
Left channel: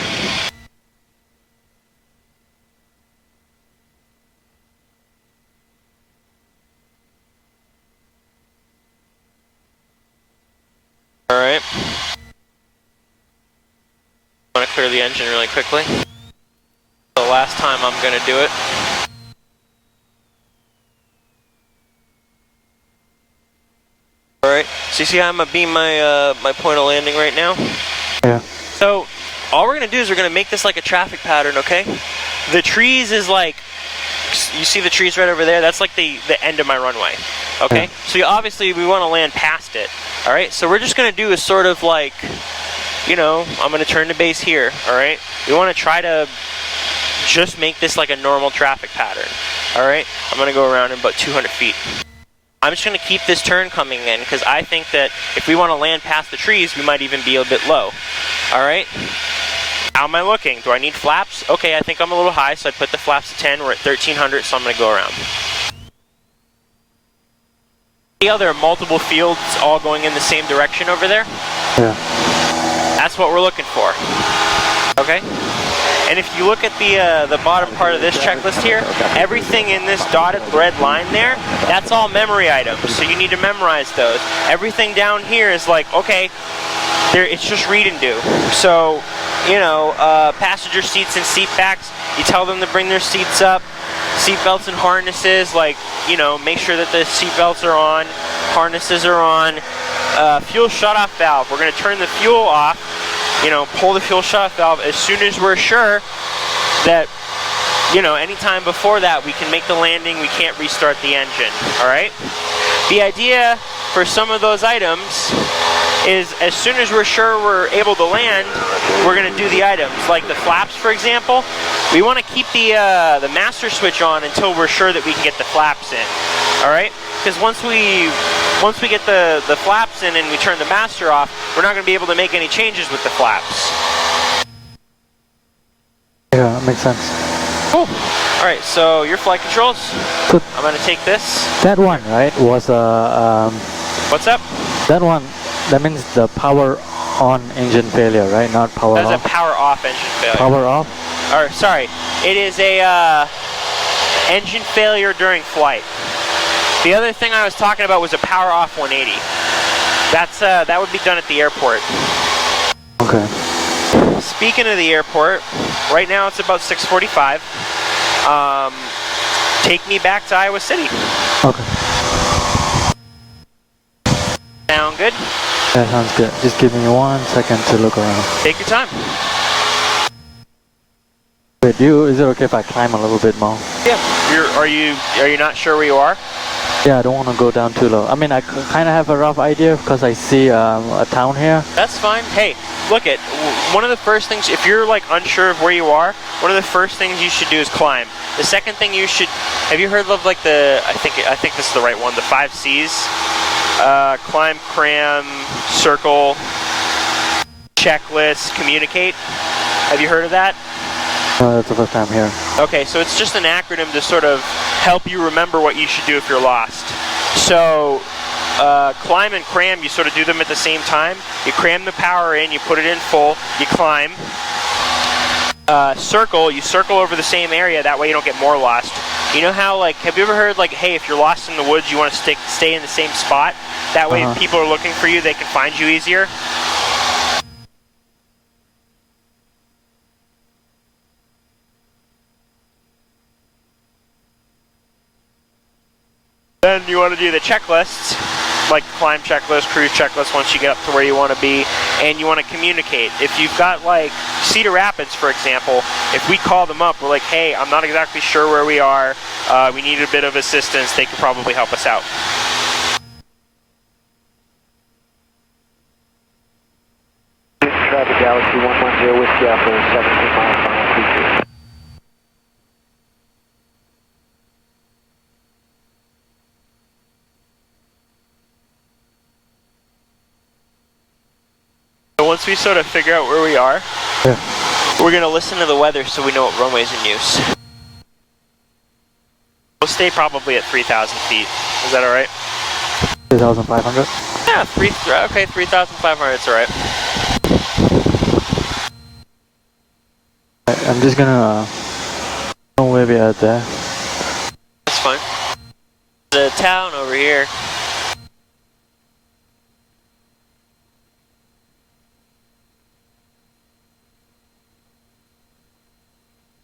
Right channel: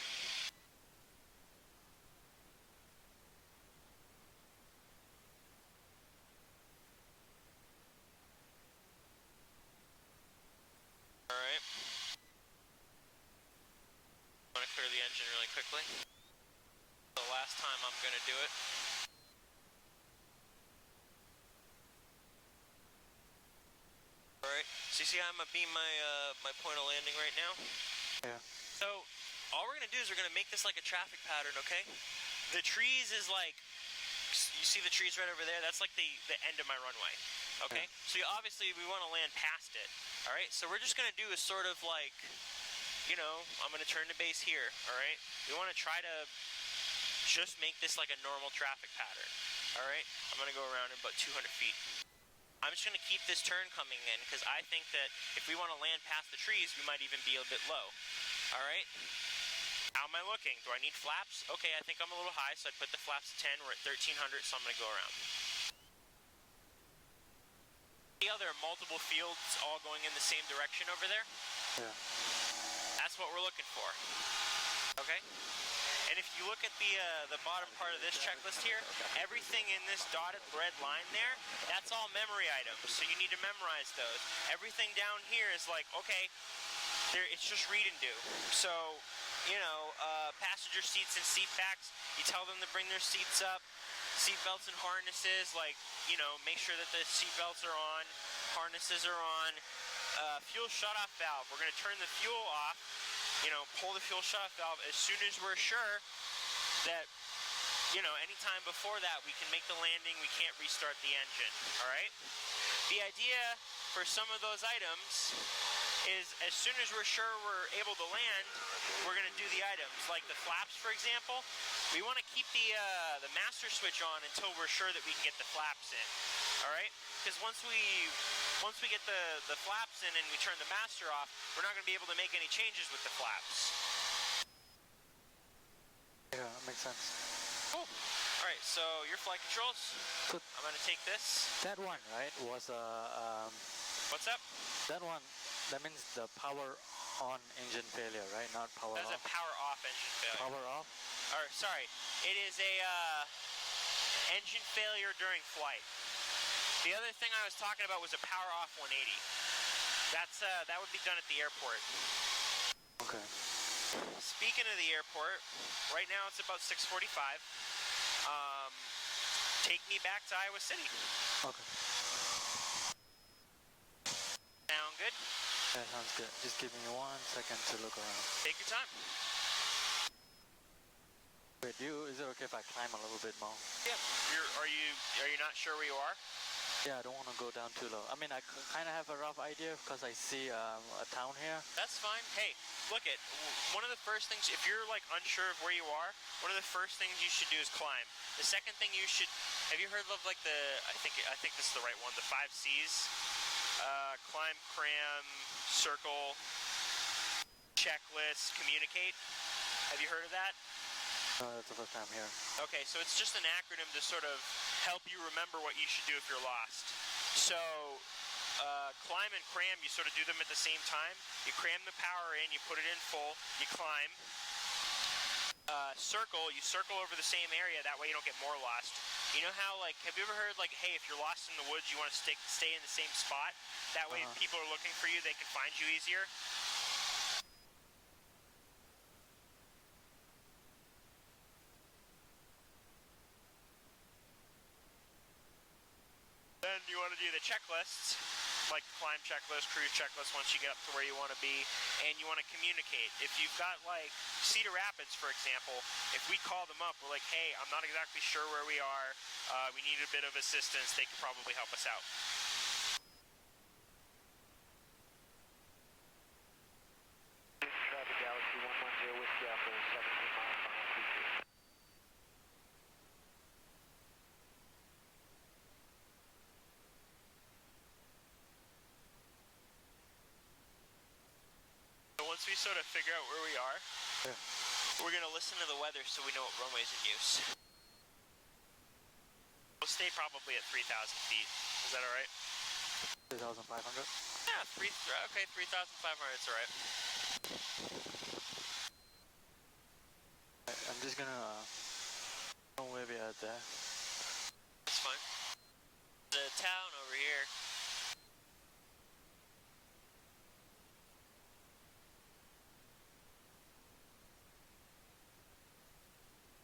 All right. I'm going to clear the engine really quickly. The last time I'm going to do it. All right. So you see how I'm going to beam my my point of landing right now? Yeah. So all we're going to do is we're going to make this like a traffic pattern, okay? The trees is like, you see the trees right over there? That's like the end of my runway, okay? Yeah. So obviously we want to land past it, all right? So we're just going to do is sort of like, you know, I'm going to turn to base here, all right? We want to try to just make this like a normal traffic pattern, all right? I'm going to go around in about 200 feet. I'm just going to keep this turn coming in because I think that if we want to land past the trees, we might even be a bit low. All right? How am I looking? Do I need flaps? Okay, I think I'm a little high, so I put the flaps to 10. We're at 1,300, so I'm going to go around. See how there are multiple fields all going in the same direction over there? Yeah. That's what we're looking for. Okay? And if you look at the bottom part of this checklist here, everything in this dotted red line there, that's all memory items, so you need to memorize those. Everything down here is like, okay, it's just read and do. So, you know, passenger seats and seat backs, you tell them to bring their seats up. Seat belts and harnesses, like, you know, make sure that the seat belts are on, harnesses are on. Fuel shutoff valve, we're going to turn the fuel off. You know, pull the fuel shutoff valve as soon as we're sure that you know, anytime before that, we can make the landing, we can't restart the engine, all right? The idea for some of those items is as soon as we're sure we're able to land, we're going to do the items. Like the flaps, for example, we want to keep the master switch on until we're sure that we can get the flaps in, all right? Because once we get the flaps in and we turn the master off, we're not going to be able to make any changes with the flaps. Yeah, that makes sense. Cool. All right, so your flight controls. So I'm going to take this. that one, right, was What's up? that one. That means the power on engine failure, right? Not power That's off. a power off engine failure. Power off. Or sorry, it is a engine failure during flight. The other thing I was talking about was a power off 180. That would be done at the airport. Okay. Speaking of the airport, right now it's about 6:45. Take me back to Iowa City. Okay. Sound good? That sounds good. Just give me 1 second to look around. Take your time. Wait, is it okay if I climb a little bit more? Yeah. Are you not sure where you are? Yeah, I don't want to go down too low. I mean, I kind of have a rough idea because I see a town here. That's fine. Hey, look it. One of the first things, if you're like unsure of where you are, one of the first things you should do is climb. The second thing you should, have you heard of like I think this is the right one, the 5 C's? Climb, cram, circle, checklist, communicate. Have you heard of that? No, that's the first time here. Okay, so it's just an acronym to sort of help you remember what you should do if you're lost. So, climb and cram, you sort of do them at the same time. You cram the power in, you put it in full, you climb. Circle, you circle over the same area, that way you don't get more lost. You know how, like, have you ever heard, like, hey, if you're lost in the woods, you want to stay in the same spot? That way if people are looking for you, they can find you easier. Then you want to do the checklists, like climb checklist, cruise checklist once you get up to where you want to be, and you want to communicate. If you've got like Cedar Rapids, for example, if we call them up, we're like, hey, I'm not exactly sure where we are, we need a bit of assistance, they could probably help us out. Traffic Galaxy 110 Whiskey Alpha 17 miles per hour. So once we sort of figure out where we are, we're going to listen to the weather so we know what runway's in use. We'll stay probably at 3,000 feet. Is that all right? 3,500? Yeah, okay, 3,500, it's all right. I'm just gonna know where we are there. That's fine. There's a town over here.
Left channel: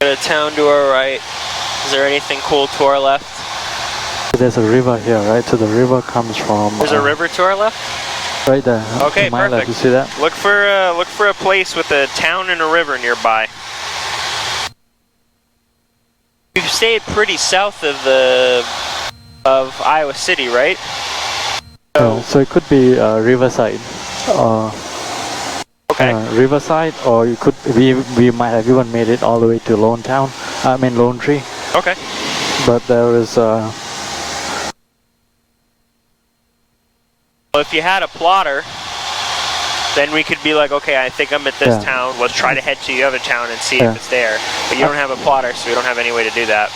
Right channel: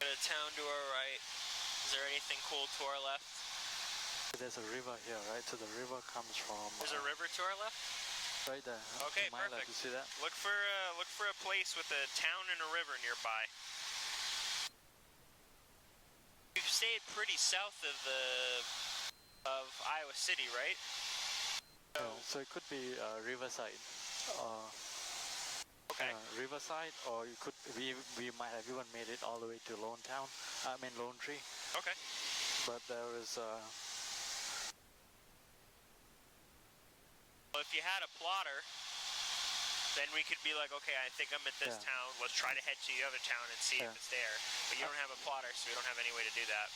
Got a town to our right. Is there anything cool to our left? There's a river here, right? So the river comes from... There's a river to our left? Right there. Okay, to my left. perfect. You see that? Look for a place with a town and a river nearby. We've stayed pretty south of Iowa City, right? So it could be Riverside. Okay. Riverside, or you could we might have even made it all the way to Lone Town. I mean Lone Tree. Okay. But there is. Well, if you had a plotter, then we could be like, okay, I think I'm at this town. Let's try to head to the other town and see if it's there. But you don't have a plotter, so we don't have any way to do that.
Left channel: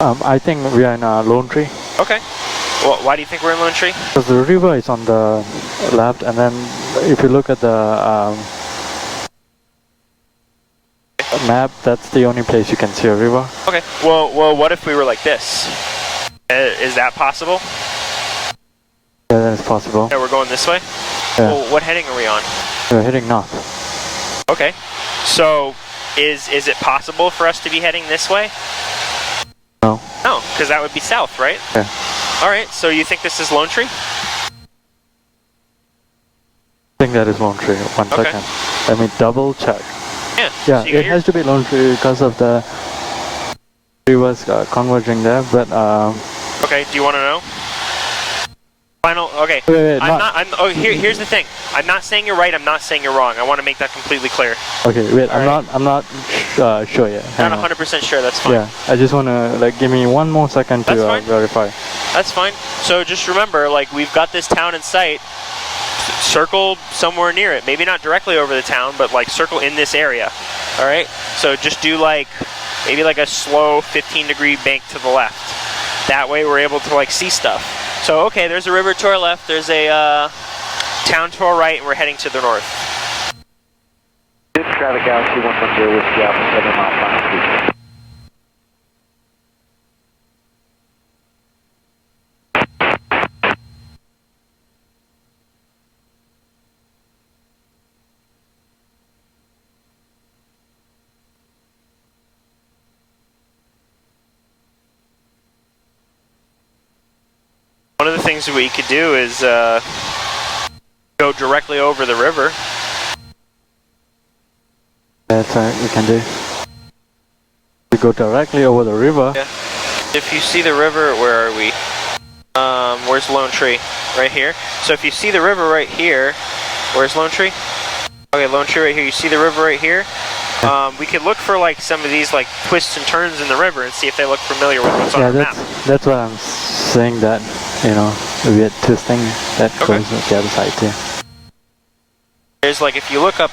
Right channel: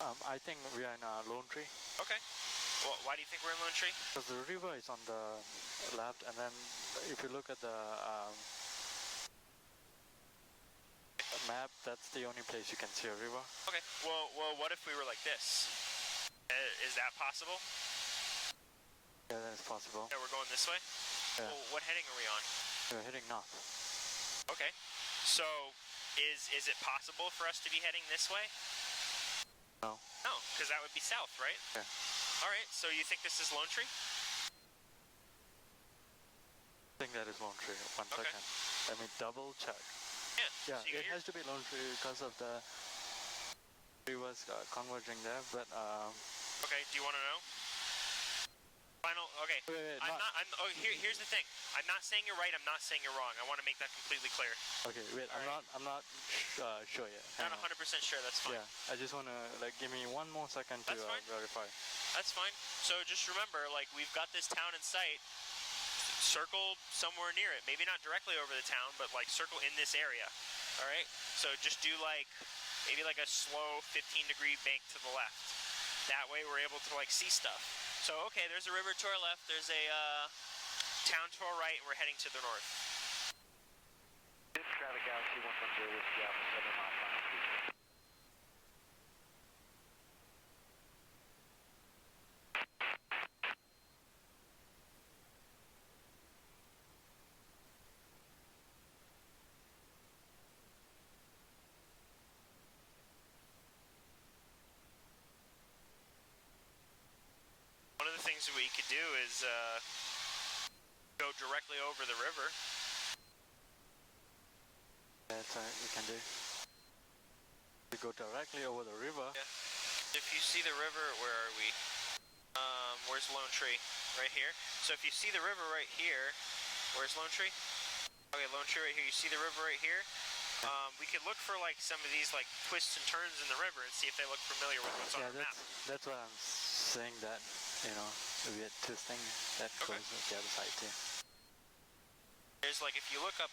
I think we are in Lone Tree. Okay. Well, why do you think we're in Lone Tree? Because the river is on the left, and then if you look at the map, that's the only place you can see a river. Okay. Well, what if we were like this? Is that possible? Yeah, that is possible. Yeah, we're going this way? Yeah. Well, what heading are we on? We're heading north. Okay. So, is it possible for us to be heading this way? No. No, because that would be south, right? Yeah. All right, so you think this is Lone Tree? I think that is Lone Tree. One second. Let me double check. Yeah. Yeah, so you got it has to be Lone Tree because of the It was converging there, but Okay, do you want to know? Final, okay. wait, here's the thing. I'm not saying you're right, I'm not saying you're wrong. I want to make that completely clear. okay, wait, All right. I'm not sure yet. Hang Not on. 100% sure, that's fine. Yeah, I just wanna like give me one more second to That's fine. verify. That's fine. So just remember, like, we've got this town in sight. Circle somewhere near it. Maybe not directly over the town, but like circle in this area. All right. So just do like maybe like a slow 15-degree bank to the left. That way we're able to like see stuff. So okay, there's a river to our left. There's a town to our right, and we're heading to the north. Traffic Galaxy 110 Whiskey Alpha 7 mile final speed. One of the things that we could do is go directly over the river. That's we can do. We go directly over the river. Yeah. If you see the river, where are we? Where's Lone Tree? Right here. So if you see the river right here, where's Lone Tree? Okay, Lone Tree right here. You see the river right here? We could look for like some of these like twists and turns in the river and see if they look familiar with what's on Yeah, the map. that's what I'm saying, that you know, a weird twisting that Okay. goes with the other side too. There's like, if you look up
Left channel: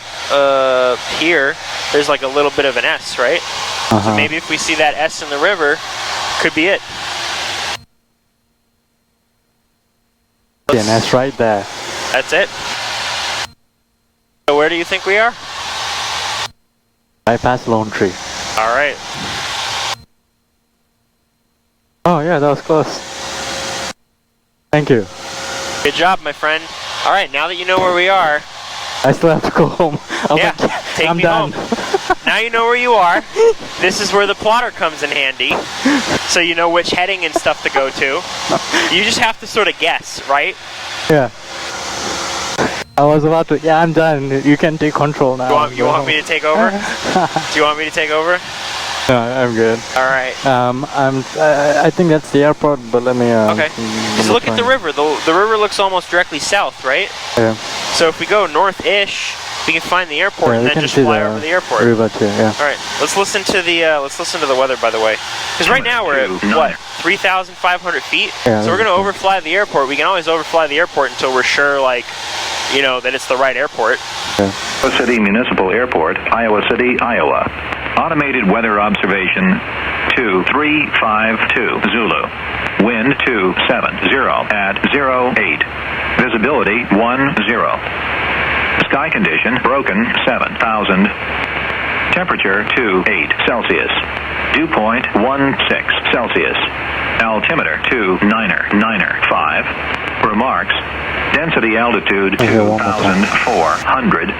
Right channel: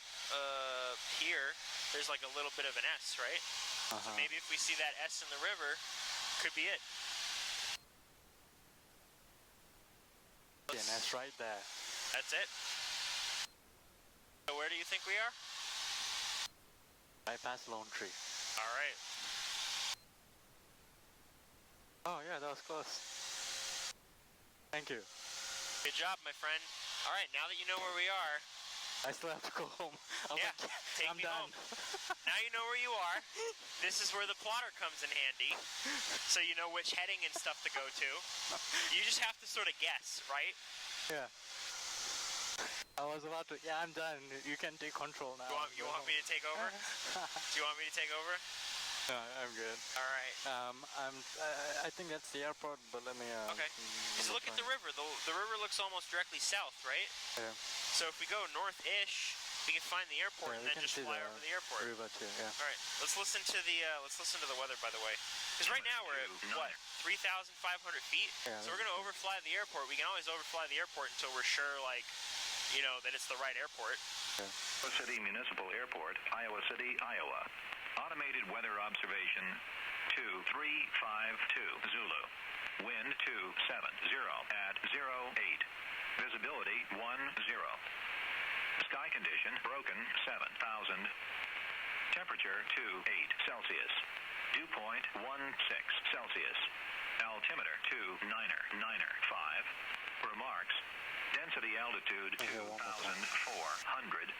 here, there's like a little bit of an S, right? So maybe if we see that S in the river, could be it. Yeah, and that's right there. That's it. So where do you think we are? I passed Lone Tree. All right. Oh yeah, that was close. Thank you. Good job, my friend. All right, now that you know where we are, I still have to go home. yeah, take I'm me done. home. Now you know where you are. This is where the plotter comes in handy, so you know which heading and stuff to go to. You just have to sort of guess, right? Yeah. I was about to. Yeah, I'm done. You can take control now. You want me to take over? Do you want me to take over? No, I'm good. All right. I think that's the airport, but let me. Okay. Just look at the river. The river looks almost directly south, right? Yeah. So if we go north-ish, we can find the airport Yeah, and we then can just see fly the over the airport. river too. Yeah. All right. Let's listen to the weather, by the way, because right now we're at what, 3,500 feet. Yeah, so we're gonna that's overfly the airport. We can always overfly the airport until we're sure, like, you know, that it's the right airport. Yeah. Iowa City Municipal Airport, Iowa City, Iowa. Automated weather observation 2352 Zulu. Wind 270 at 08. Visibility 10. Sky condition broken 7,000. Temperature 28 Celsius. Dew point 16 Celsius. Altimeter 2995. Remarks. Density altitude 2,400.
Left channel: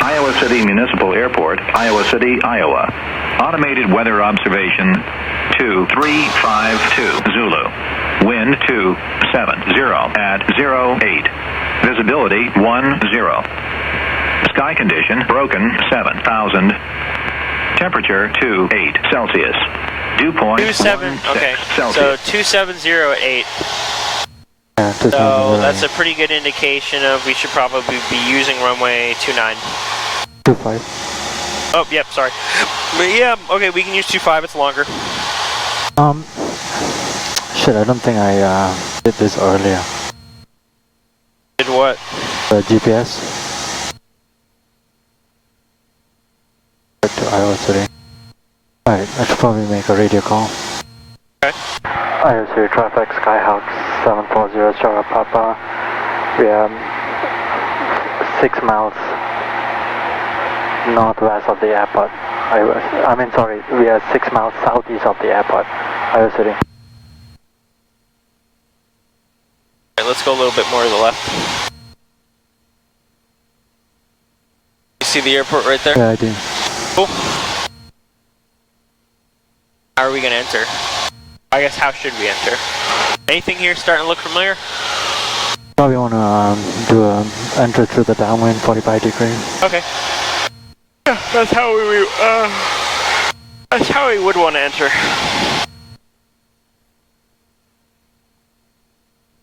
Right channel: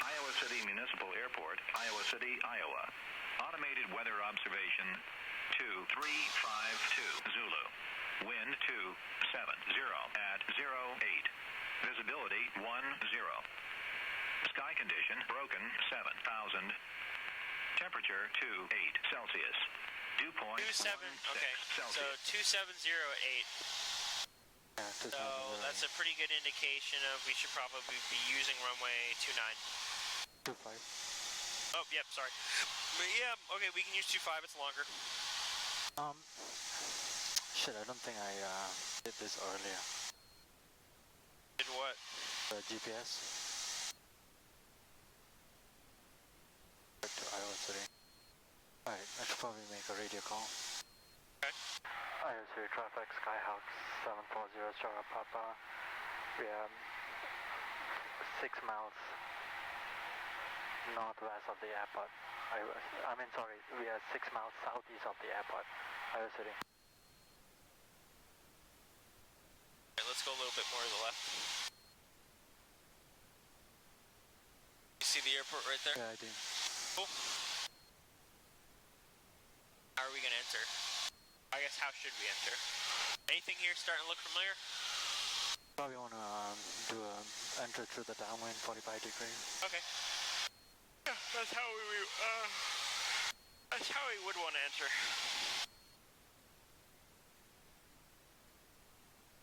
Iowa City Municipal Airport, Iowa City, Iowa. Automated weather observation 2352 Zulu. Wind 270 at 08. Visibility 10. Sky condition broken 7,000. Temperature 28 Celsius. Dew point 27. Okay. Celsius. So 270 at 8. Yeah, So that's a pretty good indication of we should probably be using runway 29. 25. Oh, yep, sorry. But yeah, okay, we can use 25, it's longer. Shit, I don't think I did this earlier. Did what? The GPS. Back to Iowa City. Alright, I should probably make a radio call. Okay. Iowa City traffic, Skyhawk 740 Sierra Papa. We are 6 miles northwest of the airport. I mean, sorry, we are 6 miles southeast of the airport, Iowa City. Alright, let's go a little bit more to the left. You see the airport right there? Yeah, I do. Cool. How are we going to enter? I guess how should we enter? Anything here starting to look familiar? Probably want to do a enter through the downwind 45 degrees. Okay. Yeah, that's how we That's how we would want to enter.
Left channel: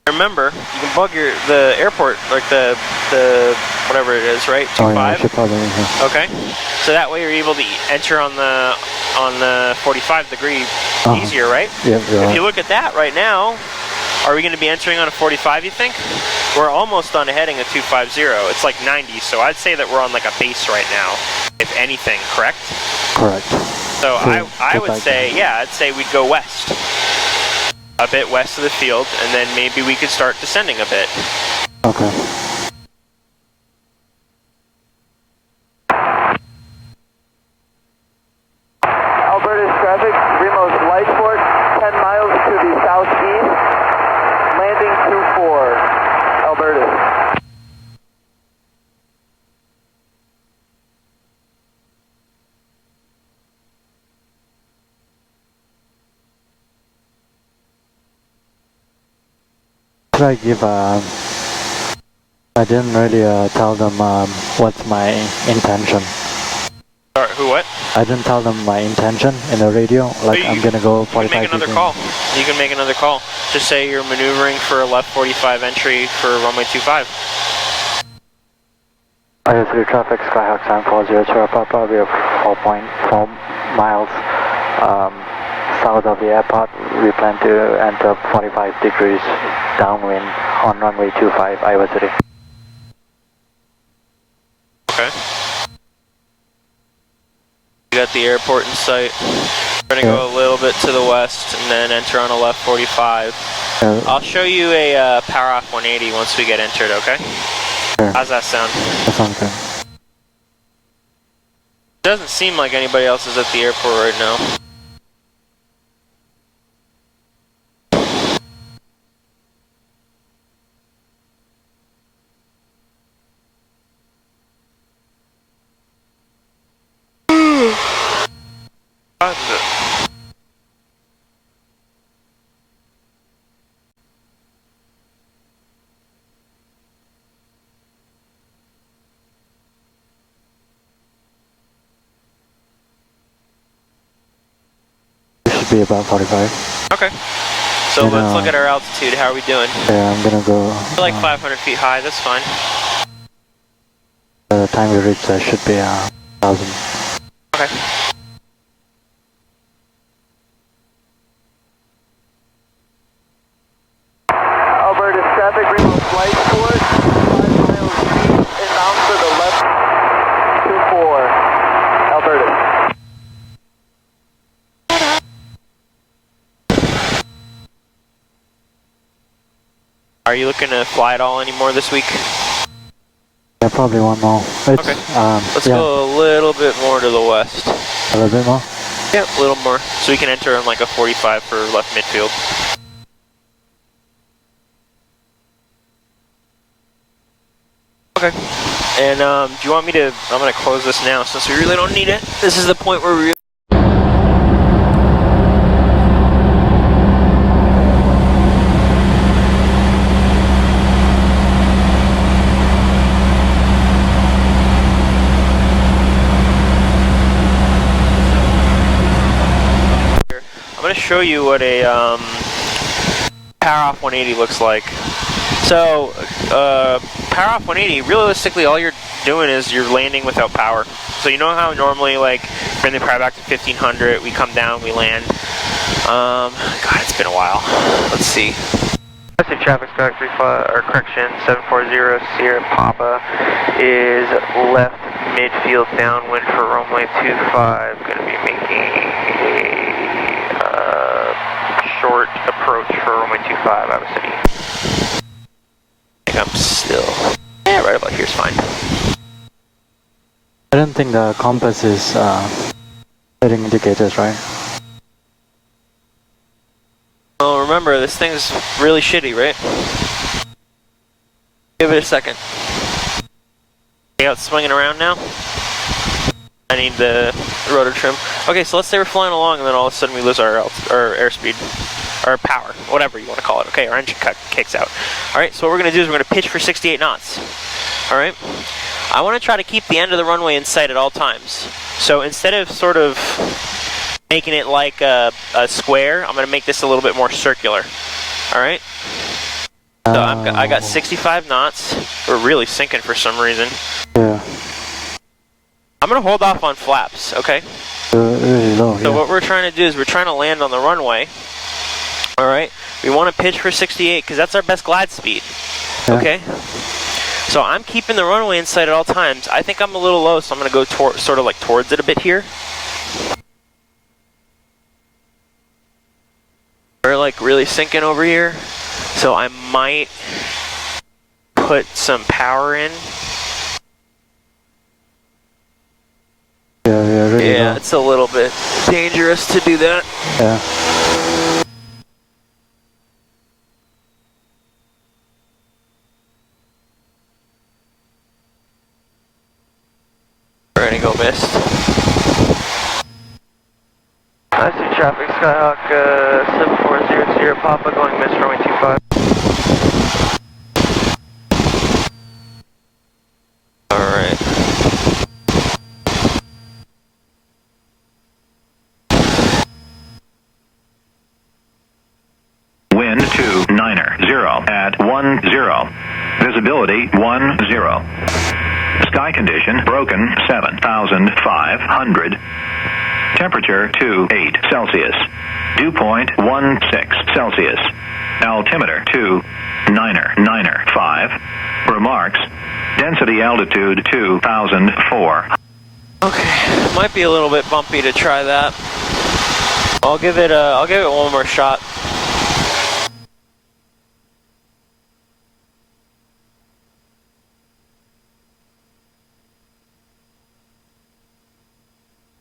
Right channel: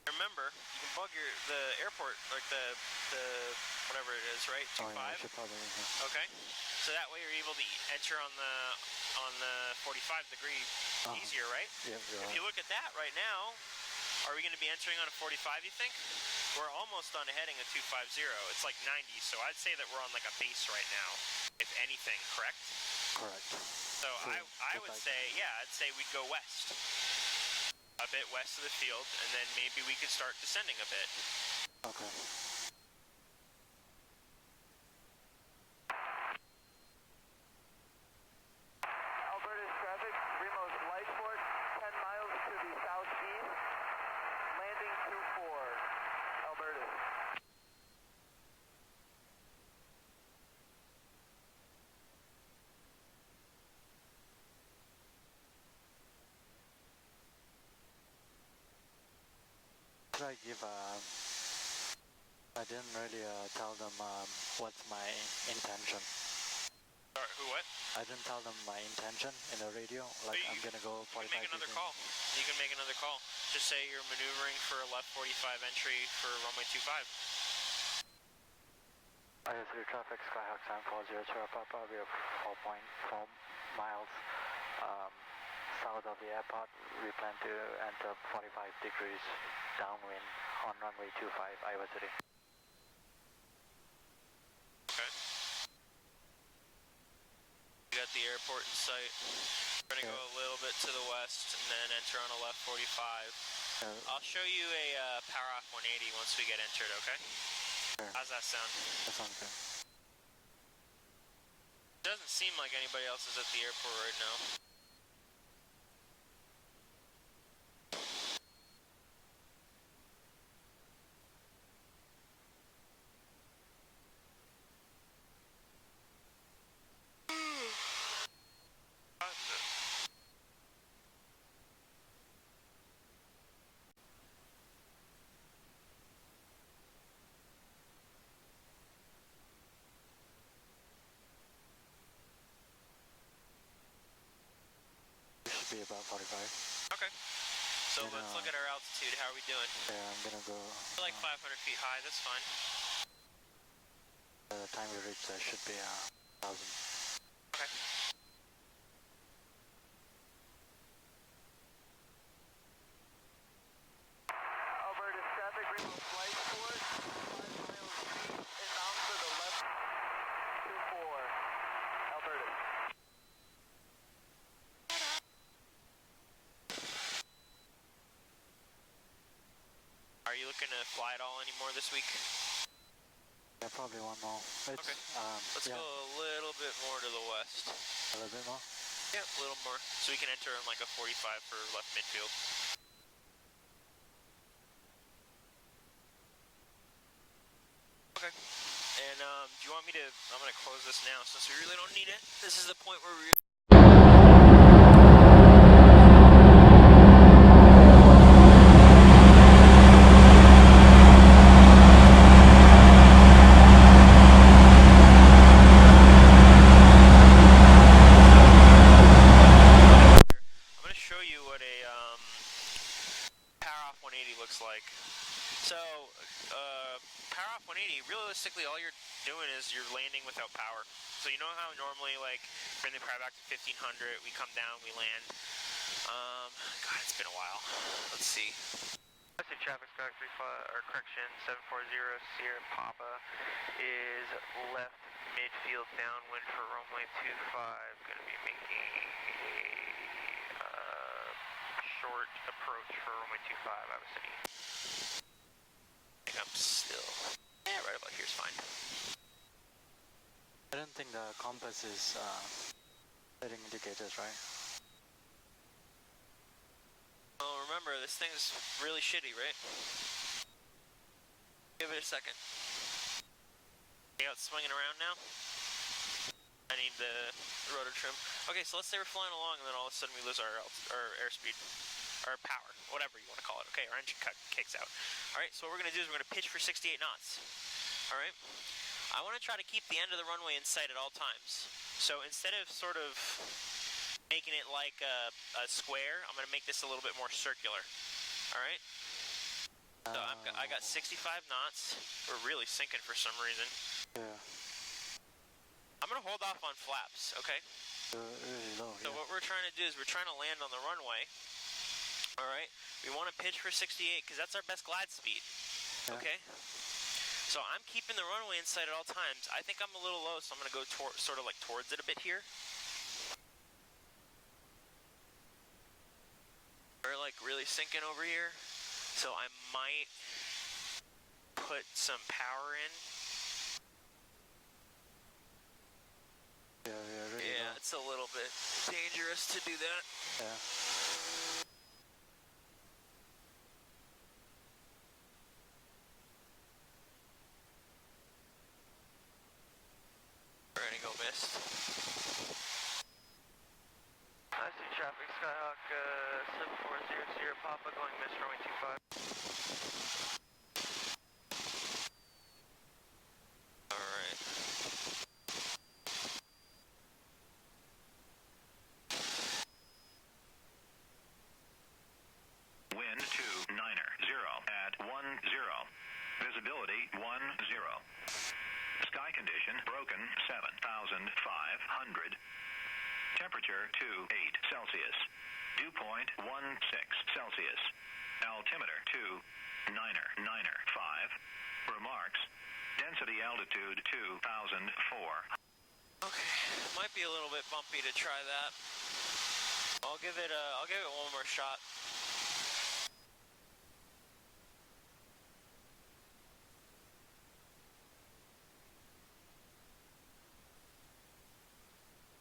Remember, you can bug the airport, like the whatever it is, right? 25. Oh, yeah, I should probably, yeah. Okay. So that way you're able to enter on the 45-degree easier, right? Yep, If you look at that right now, are we going to be entering on a 45, you think? We're almost on a heading of 250. It's like 90, so I'd say that we're on like a base right now, if anything, correct? Correct. So I would say, yeah, I'd say we'd go west. A bit west of the field, and then maybe we could start descending a bit. Okay. Alberta's traffic, Remos Lightport, 10 miles to the southeast, landing 24, Alberta. Should I give I didn't really tell them what's my intention. Sorry, who what? I didn't tell them my intention in the radio, like I'm gonna go 45 You can make another call. You can make another call. Just say you're maneuvering for a left 45 entry for runway 25. IO3 traffic, Skyhawk 7402, Papa, we are 4.4 miles south of the airport. We plan to enter 45 degrees downwind on runway 25, Iowa City. Okay. You got the airport in sight. We're gonna go a little bit to the west and then enter on a left 45. I'll show you a power off 180 once we get entered, okay? Sure. How's that sound? That sounds good. Doesn't seem like anybody else is at the airport right now. Should be about 45. Okay. So let's look at our altitude. How are we doing? Yeah, I'm gonna go. We're like 500 feet high. That's fine. By the time we reach there should be 1,000. Okay. Alberta's traffic, Remos Lightport, 5 miles east, inbound to the left, 24, Alberta. Are you looking to fly at all anymore this week? Yeah, probably one more. It's, Okay. Let's go a little bit more to the west. A little bit more? Yeah, a little more. So we can enter on like a 45 for left midfield. Okay. And do you want me to, I'm going to close this now since we really don't need it. This is the point where we show you what a power off 180 looks like. So power off 180, realistically all you're doing is you're landing without power. So you know how normally like bring the power back to 1500, we come down, we land. God, it's been a while. Let's see. Domestic traffic stack 740 Sierra Papa is left midfield downwind for runway 25. Going to be making a short approach for runway 25 Iowa City. I think I'm still, yeah, right about here is fine. I don't think the compass is setting indicators, right? Oh, remember, this thing's really shitty, right? Give it a second. See how it's swinging around now? I need the rotor trim. Okay, so let's say we're flying along and then all of a sudden we lose our airspeed. Or power, whatever you want to call it. Okay, our engine kicks out. Alright, so what we're going to do is we're going to pitch for 68 knots. Alright? I want to try to keep the end of the runway in sight at all times. So instead of sort of making it like a square, I'm going to make this a little bit more circular. All right? So I got 65 knots. We're really sinking for some reason. Yeah. I'm going to hold off on flaps, okay? Really low, So what we're trying to do is we're trying to land on the runway. All right? We want to pitch for 68 because that's our best glide speed. Yeah. Okay? So I'm keeping the runway in sight at all times. I think I'm a little low, so I'm going to go sort of like towards it a bit here. We're like really sinking over here. So I might put some power in. Yeah, really Yeah, low. it's a little bit dangerous to do that. Yeah. We're gonna go mist. I see traffic, Skyhawk 7400 Papa going mist runway 25. Alright. Wind 290 at 10. Visibility 10. Sky condition broken 7,500. Temperature 28 Celsius. Dew point 16 Celsius. Altimeter 2,995. Remarks. Density altitude 2,004. Okay, might be a little bit bumpy to try that. I'll give it one more shot.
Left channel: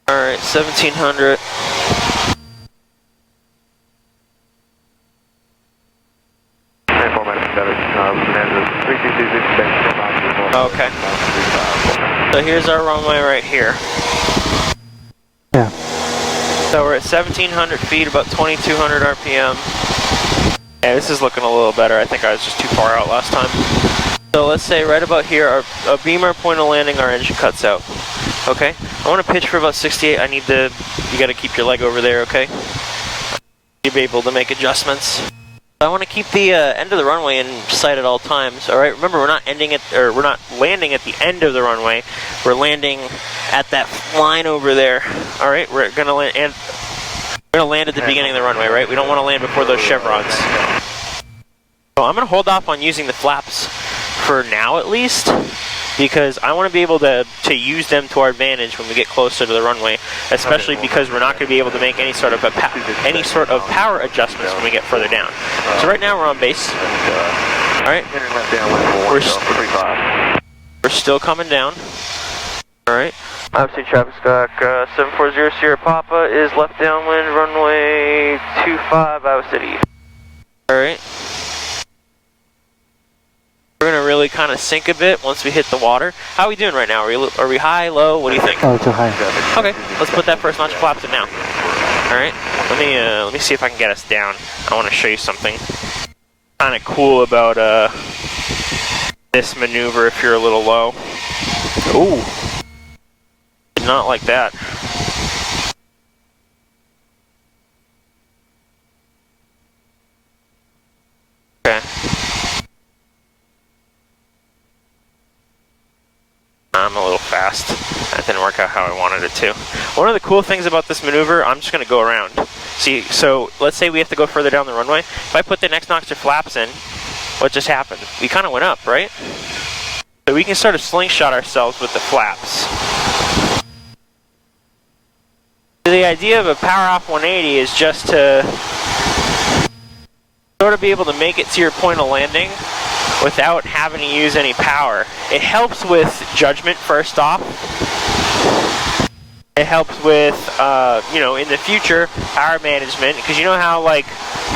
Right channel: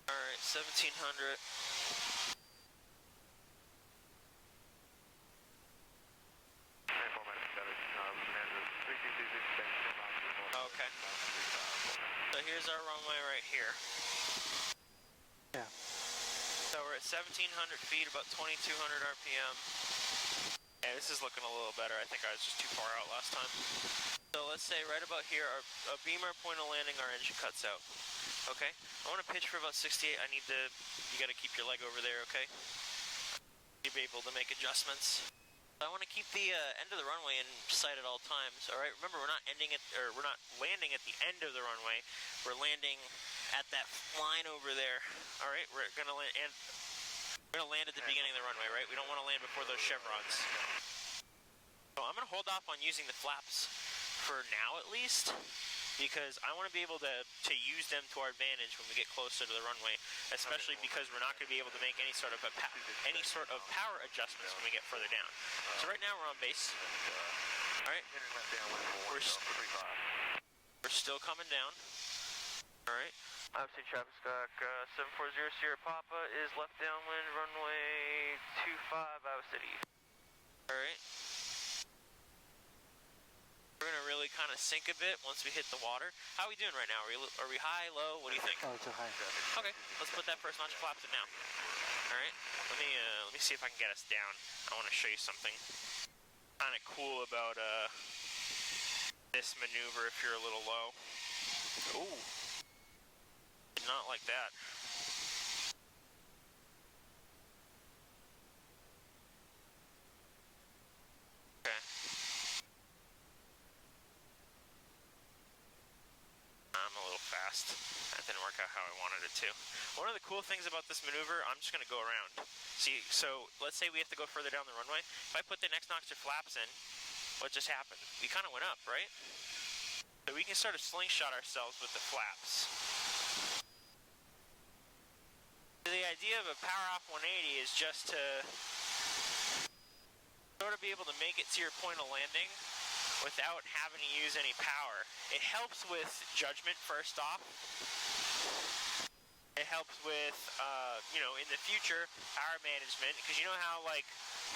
All right, 1700. Okay. So here's our runway right here. Yeah. So we're at 1700 feet, about 2200 RPM. Yeah, this is looking a little better. I think I was just too far out last time. So let's say right about here, our beamer point of landing, our engine cuts out. Okay, I want to pitch for about 68. You got to keep your leg over there, okay? You'll be able to make adjustments. I want to keep the end of the runway in sight at all times. All right, remember we're not landing at the end of the runway. We're landing at that line over there. All right, we're gonna land at the beginning of the runway, right? We don't want to land before those chevrons. So I'm gonna hold off on using the flaps for now, at least, because I want to be able to use them to our advantage when we get closer to the runway, especially because we're not going to be able to make any sort of power adjustments when we get further down. So right now we're on base. All right, we're still coming down. All right. Obviously, traffic stock 740 Sierra Papa is left downwind, runway 25, Iowa City. All right. We're gonna really kind of sink a bit once we hit the water. How are we doing right now? Are we high, low? What do you think? Oh, too high. Okay, let's put that first notch of flaps in now. All right, let me see if I can get us down. I want to show you something kind of cool about this maneuver if you're a little low. Ooh, not like that. Okay. I'm a little fast. That didn't work out how I wanted it to. One of the cool things about this maneuver, I'm just going to go around. See, so let's say we have to go further down the runway. If I put the next notch of flaps in, what just happened? We kind of went up, right? So we can sort of slingshot ourselves with the flaps. The idea of a power off 180 is just to sort of be able to make it to your point of landing without having to use any power. It helps with judgment first off. It helps with, you know, in the future, power management, because you know how, like,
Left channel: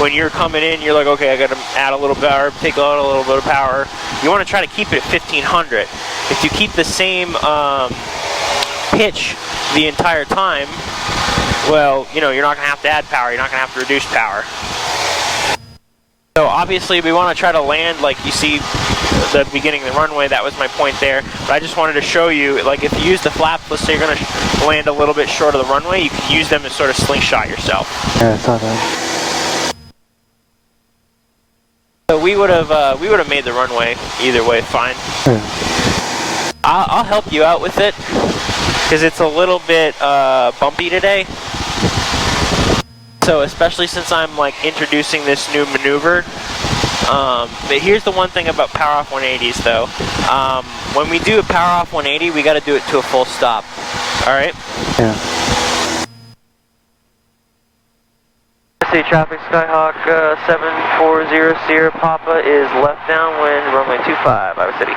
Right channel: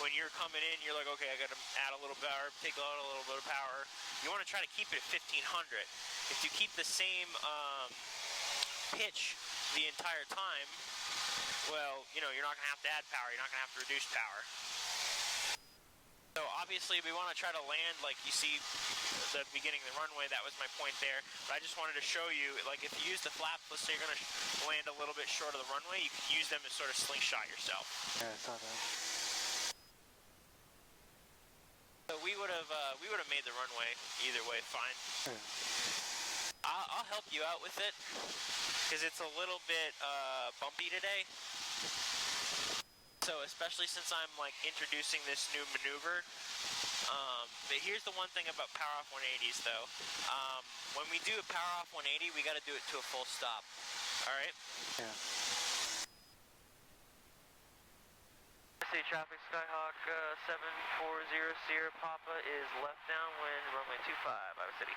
when you're coming in, you're like, okay, I got to add a little power, take out a little bit of power. You want to try to keep it at 1500. If you keep the same pitch the entire time, well, you know, you're not going to have to add power, you're not going to have to reduce power. So obviously we want to try to land like you see the beginning of the runway. That was my point there. But I just wanted to show you, like, if you use the flaps, let's say you're going to land a little bit short of the runway, you can use them to sort of slingshot yourself. Yeah, I saw that. So we would have made the runway either way fine. Yeah. I'll help you out with it because it's a little bit bumpy today. So especially since I'm like introducing this new maneuver. But here's the one thing about power off 180s though. When we do a power off 180, we got to do it to a full stop. All right. Yeah. See traffic, Skyhawk 740 Sierra Papa is left downwind, runway 25, Iowa City.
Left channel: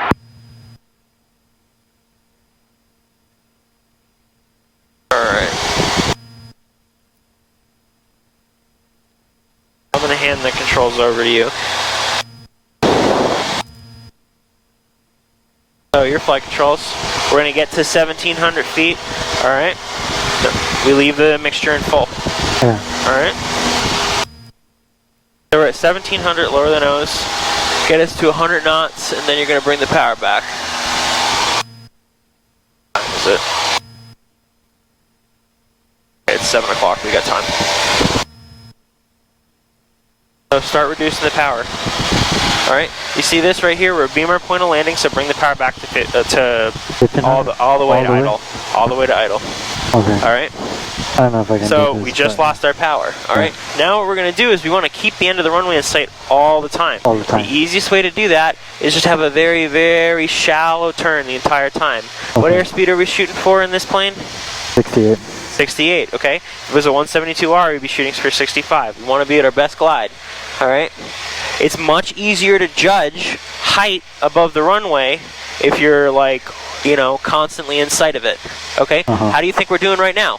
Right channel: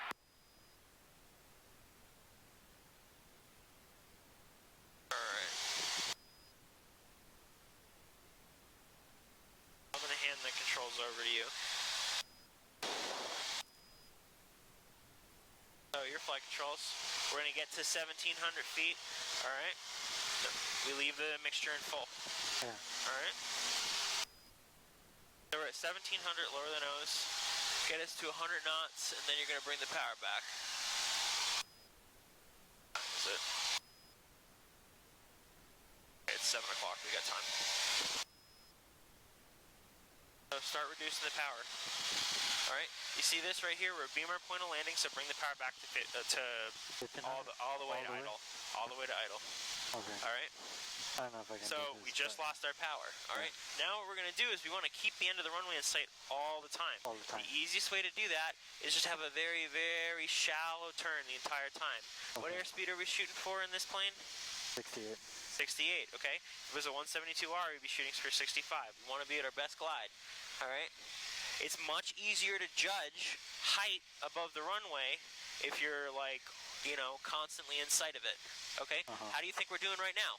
Alright. I'm going to hand the controls over to you. So your flight controls, we're going to get to 1,700 feet, alright? So we leave the mixture in full. Yeah. Alright. So we're at 1,700, lower the nose, get us to 100 knots, and then you're going to bring the power back. What time is it? Okay, it's 7 o'clock, we got time. So start reducing the power. Alright, you see this right here? We're a beamer point of landing, so bring the power back to all the way to idle. All the way to idle. Okay. Alright? I don't know if I can So do this, we just but lost our power. Alright, now what we're going to do is we want to keep the end of the runway in sight all the time. All the time. The easiest way to do that is just have a very, very shallow turn the entire time. What Okay. airspeed are we shooting for in this plane? 68. 68, okay? If it was a 172R, we'd be shooting for 65. We want to be at our best glide. Alright? It's much easier to judge height above the runway if you're like, you know, constantly in sight of it. Okay? How do you think we're doing right now?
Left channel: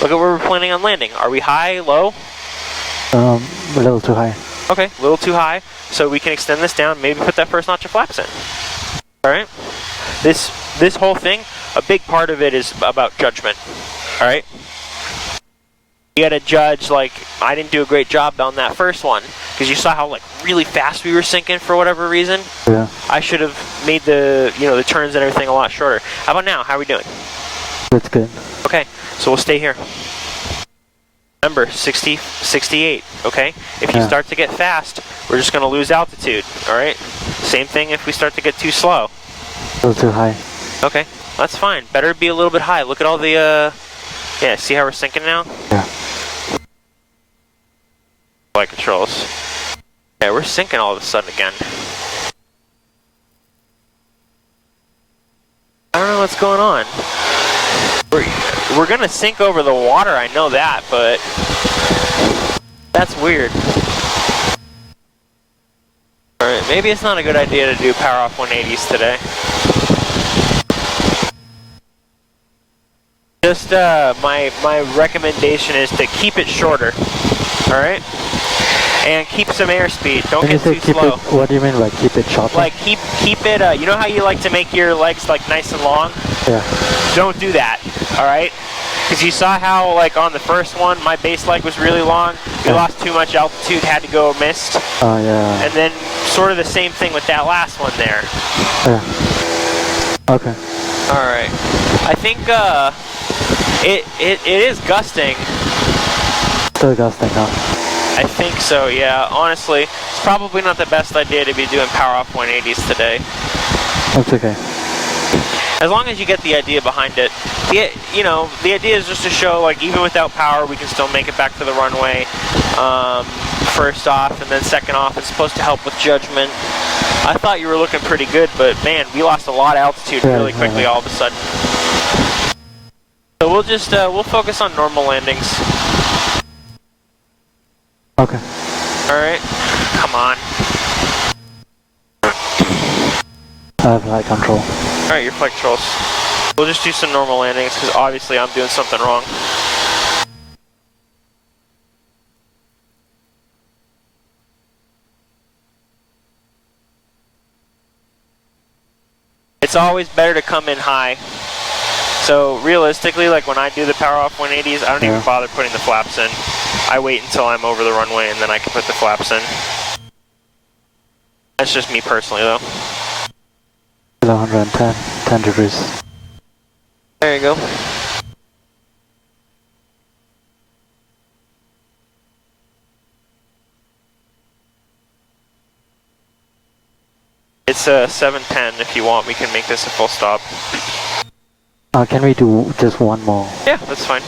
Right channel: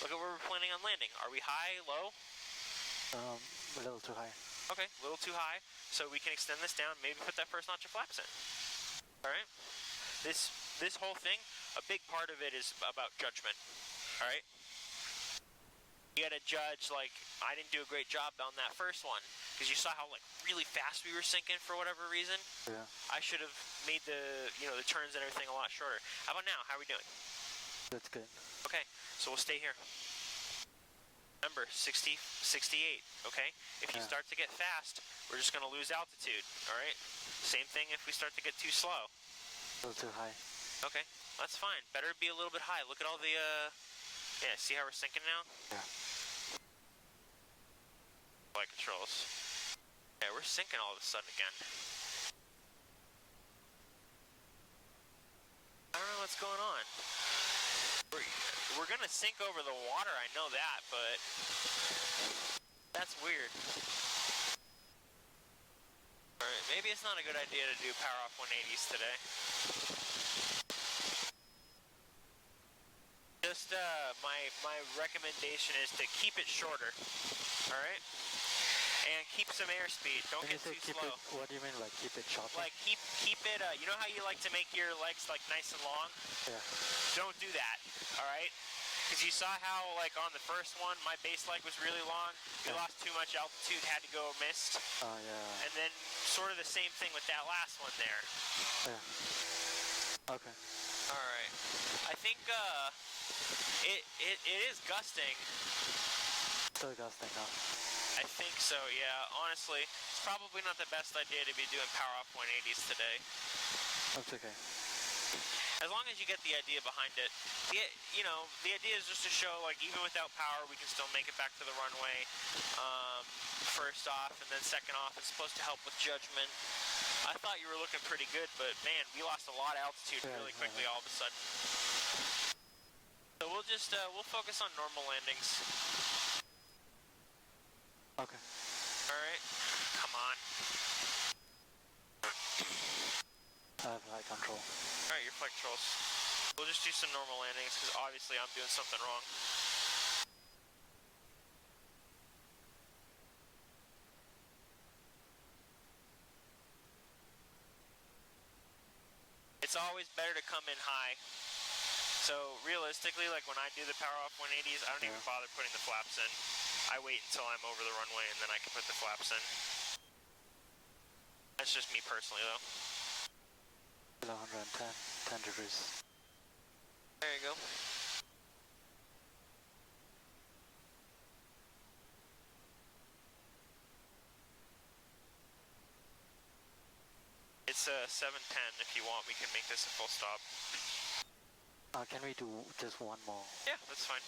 Look at where we're planning on landing. Are we high, low? A little too high. Okay, a little too high. So we can extend this down, maybe put that first notch of flaps in. Alright? This whole thing, a big part of it is about judgment. Alright? You gotta judge, like, I didn't do a great job on that first one. Because you saw how, like, really fast we were sinking for whatever reason. Yeah. I should have made the, you know, the turns and everything a lot shorter. How about now? How are we doing? That's good. Okay, so we'll stay here. Remember, 60, 68, okay? If you Yeah. start to get fast, we're just gonna lose altitude, alright? Same thing if we start to get too slow. A little too high. Okay, that's fine. Better be a little bit high. Look at all the, yeah, see how we're sinking now? Yeah. Flight controls. Yeah, we're sinking all of a sudden again. I don't know what's going on. We're gonna sink over the water, I know that, but that's weird. Alright, maybe it's not a good idea to do power off 180s today. Just my recommendation is to keep it shorter. Alright? And keep some airspeed. Don't When you get say too keep slow. it, what do you mean, like keep it shorter? Like keep it, you know how you like to make your legs like nice and long? Yeah. Don't do that, alright? Because you saw how, like, on the first one, my base leg was really long. We lost too much altitude, had to go missed. Oh, yeah. And then sort of the same thing with that last one there. Yeah. Okay. Alright. I think, it is gusting. Still gusting, huh? I think so, yeah. Honestly, it's probably not the best idea to be doing power off 180s today. That's okay. As long as you get the idea behind it. You know, the idea is just to show, like, even without power, we can still make it back to the runway. First off, and then second off, it's supposed to help with judgment. I thought you were looking pretty good, but man, we lost a lot of altitude really quickly all of a sudden. So we'll just, we'll focus on normal landings. Okay. Alright, come on. I have light control. Alright, your flight controls. We'll just do some normal landings, because obviously I'm doing something wrong. It's always better to come in high. So realistically, like when I do the power off 180s, I don't even bother putting the flaps in. I wait until I'm over the runway and then I can put the flaps in. That's just me personally though. Below 110, 10 degrees. There you go. It's 7:10. If you want, we can make this a full stop. Can we do just one more? Yeah, that's fine.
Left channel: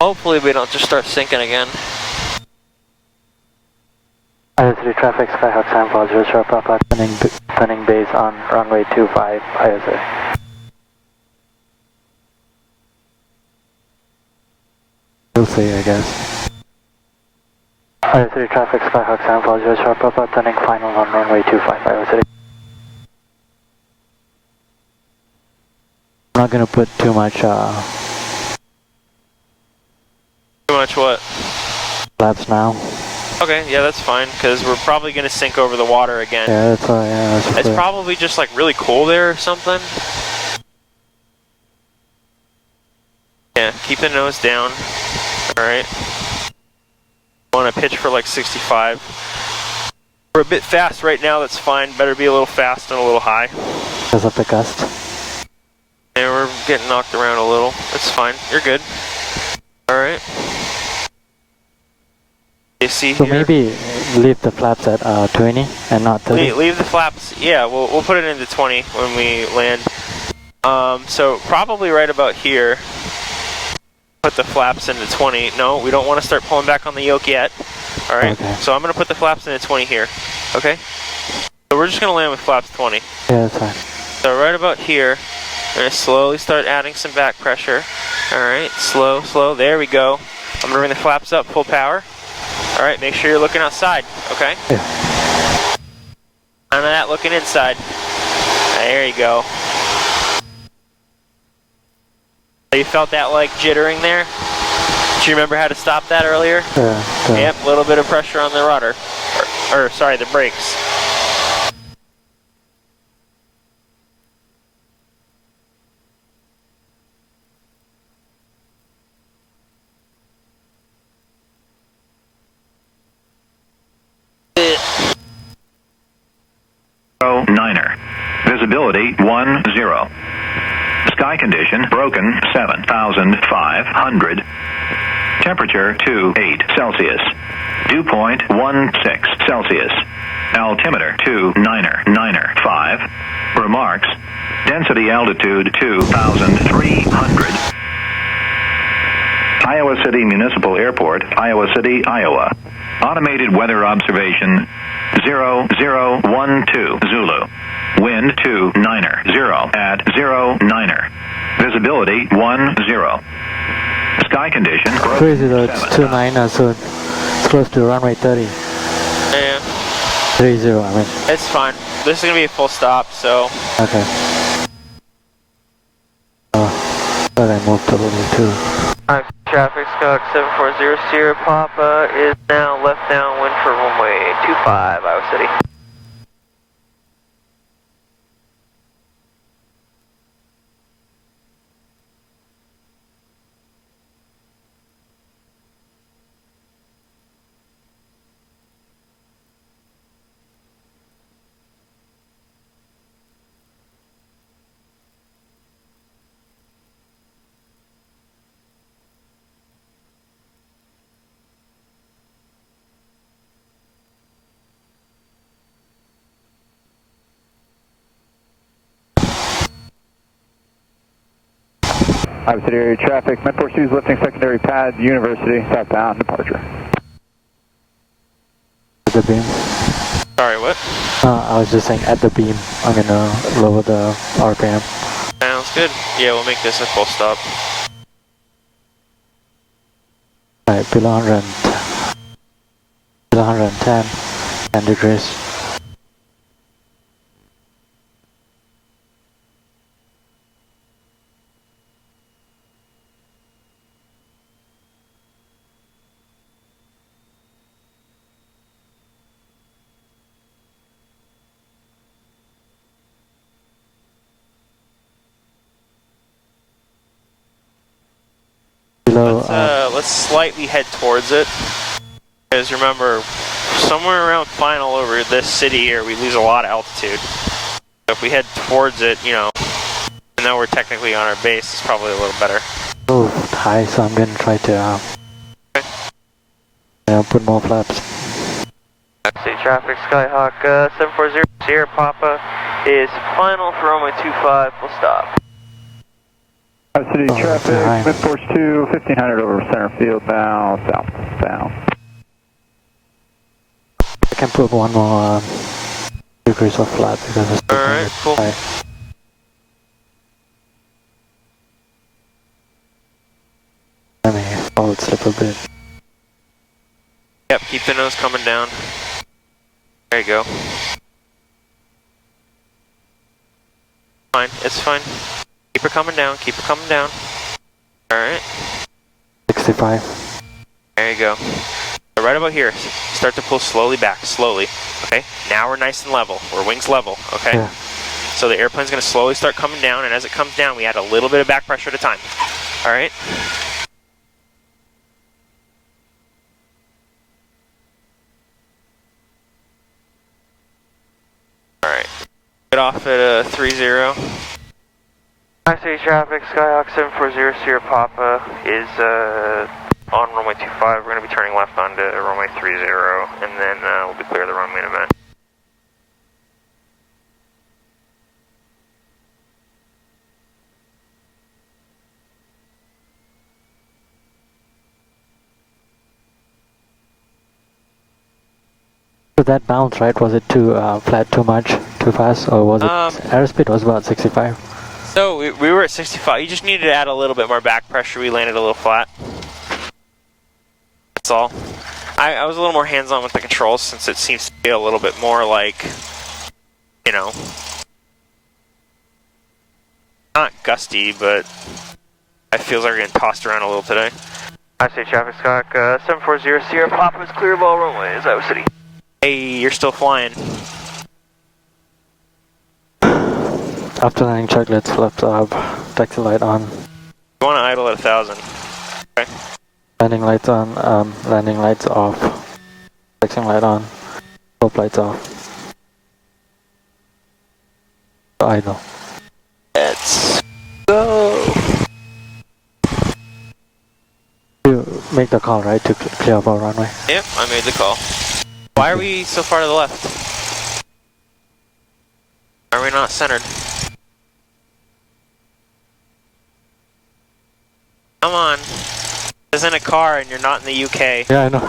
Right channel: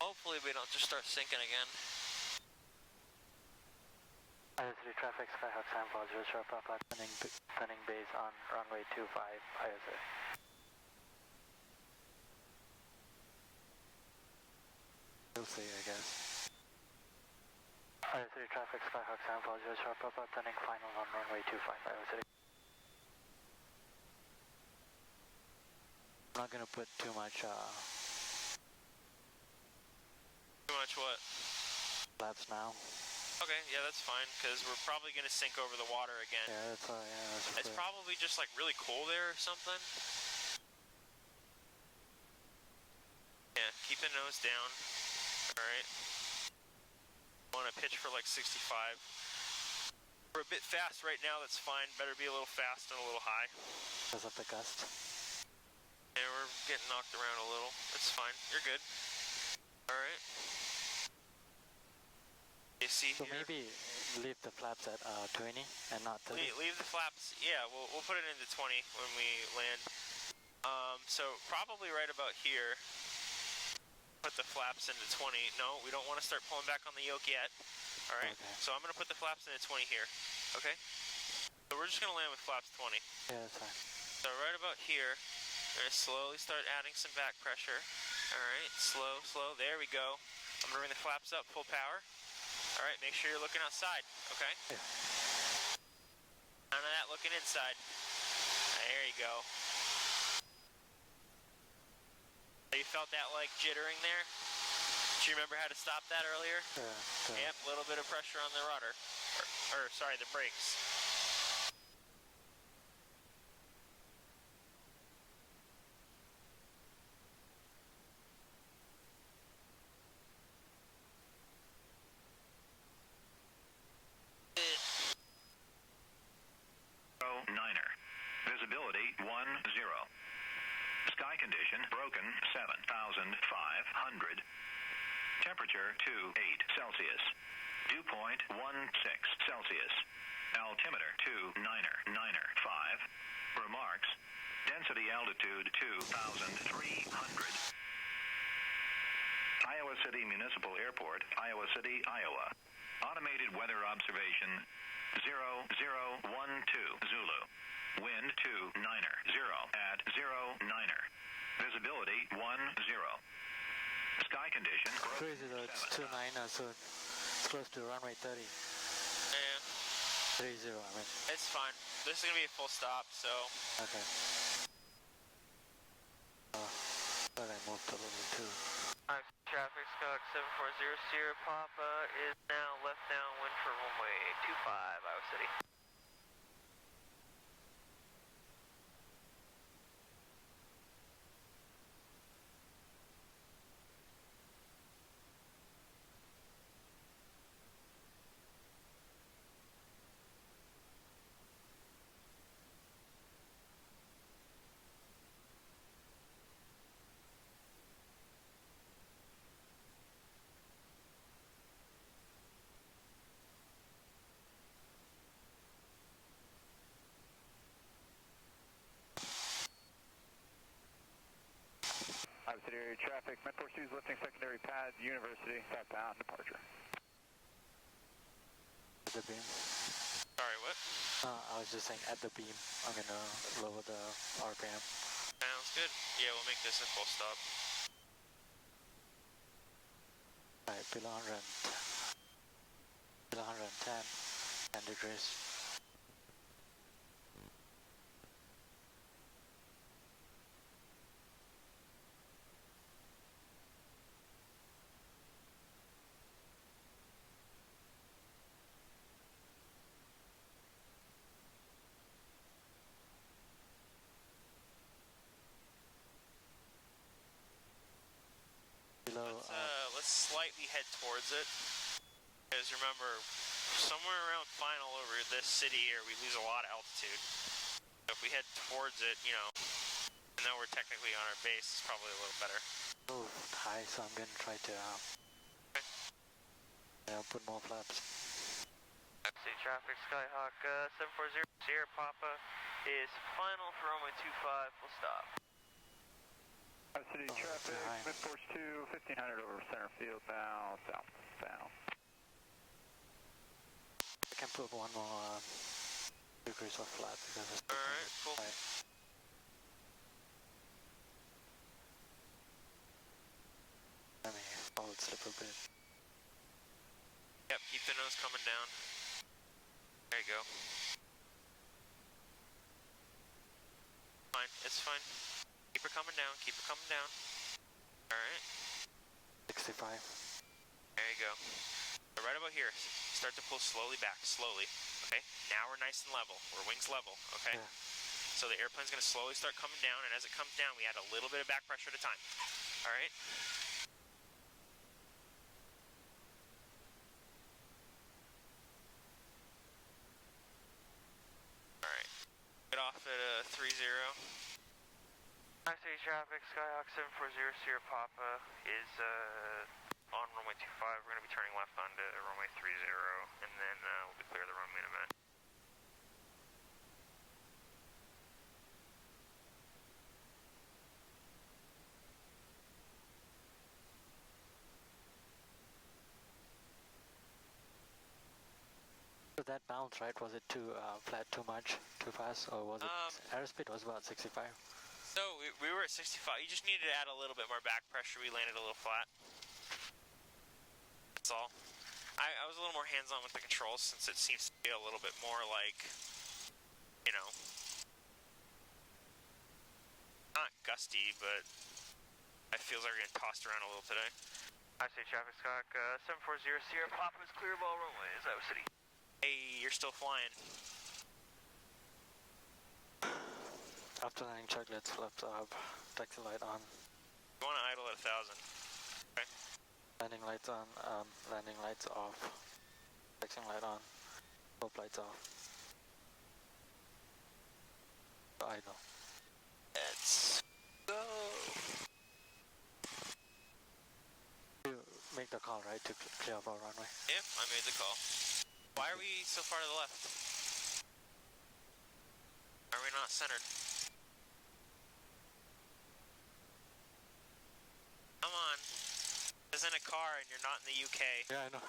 Hopefully we don't just start sinking again. IO3 traffic, Skyhawk 740 Papa, turning base on runway 25, IO3. We'll see, I guess. IO3 traffic, Skyhawk 740 Papa, turning final on runway 25, IO3. I'm not gonna put too much, Too much what? flaps now. Okay, yeah, that's fine, because we're probably going to sink over the water again. Yeah, that's why, yeah, that's It's probably just like really cool there or something. Yeah, keep the nose down. Alright. Want to pitch for like 65. We're a bit fast right now, that's fine. Better be a little fast and a little high. because of the gust. Yeah, we're getting knocked around a little. It's fine. You're good. Alright. You see So here? maybe leave the flaps at 20 and not 30. Leave the flaps. Yeah, we'll put it into 20 when we land. So probably right about here. Put the flaps into 20. No, we don't want to start pulling back on the yoke yet. All right. Okay. So I'm gonna put the flaps into 20 here. Okay. So we're just gonna land with flaps 20. Yeah, that's fine. So right about here, we're gonna slowly start adding some back pressure. All right. Slow, slow. There we go. I'm gonna bring the flaps up full power. All right, make sure you're looking outside, okay? Yeah. None of that looking inside. There you go. You felt that like jittering there? Do you remember how to stop that earlier? Yep, a little bit of pressure on the rudder. Or sorry, the brakes. Niner. Visibility 10. Sky condition broken 7,500. Temperature 28 Celsius. Dew point 16 Celsius. Altimeter 299.5. Remarks. Density altitude 2,300. Iowa City Municipal Airport, Iowa City, Iowa. Automated weather observation 0012 Zulu. Wind 290 at 09. Visibility 10. Sky condition. Crazy though, it's 29, so it's close to runway 30. Yeah, 30, I mean. it's fine. This is gonna be a full stop, so. Okay. But I moved a little too. Alright, traffic, Skyhawk 740 Sierra Papa is now left downwind for runway 25, Iowa City. Iowa City area traffic, Med 42 is lifting secondary pad, University, southbound, departure. At the beam. Sorry, what? I was just saying at the beam, I'm gonna lower the RPM. Sounds good. Yeah, we'll make this a full stop. Alright, below 110, 10 degrees. Below, Let's slightly head towards it. Because remember, somewhere around final over this city here, we lose a lot of altitude. So if we head towards it, you know, even though we're technically on our base, it's probably a little better. Oh, high, so I'm gonna try to put more flaps. City traffic, Skyhawk 740 Sierra Papa is final for runway 25. We'll stop. City traffic, high. mid-force 2, 1500 over center field now, southbound. I can put one more degrees of flat because it's Alright, cool. high. Let me forward slip a bit. Yep, keep the nose coming down. There you go. Fine, it's fine. Keep it coming down, keep it coming down. Alright, 65. there you go. So right about here, start to pull slowly back, slowly. Okay, now we're nice and level. We're wings level, okay? Yeah. So the airplane's gonna slowly start coming down, and as it comes down, we add a little bit of back pressure at a time. Alright? Alright. Get off at 30. City traffic, Skyhawk 740 Sierra Papa is on runway 25. We're going to be turning left onto runway 30, and then we'll be clear of the runway in a minute. So that bounce, right? Was it too flat, too much, too fast, or was it airspeed was about 65? So we were at 65. You just needed to add a little bit more back pressure. We landed a little flat. That's all. I was a little more hands-on with the controls since it seems to be a little bit more like, you know, not gusty, but it feels like we're getting tossed around a little today. City traffic, Skyhawk 740 Sierra Papa is clear of all runways, Iowa City. Hey, you're still flying. After landing check, let's flip up. Taxi light on. You want to idle at 1,000. Okay. Landing lights on. Landing lights off. Taxi light on. Slope lights off. Idle. Let's go. You make the call, right, to clear up our runway? Yep, I made the call. Why are we so far to the left? Are we not centered? Come on. This isn't a car and you're not in the UK. Yeah, I know.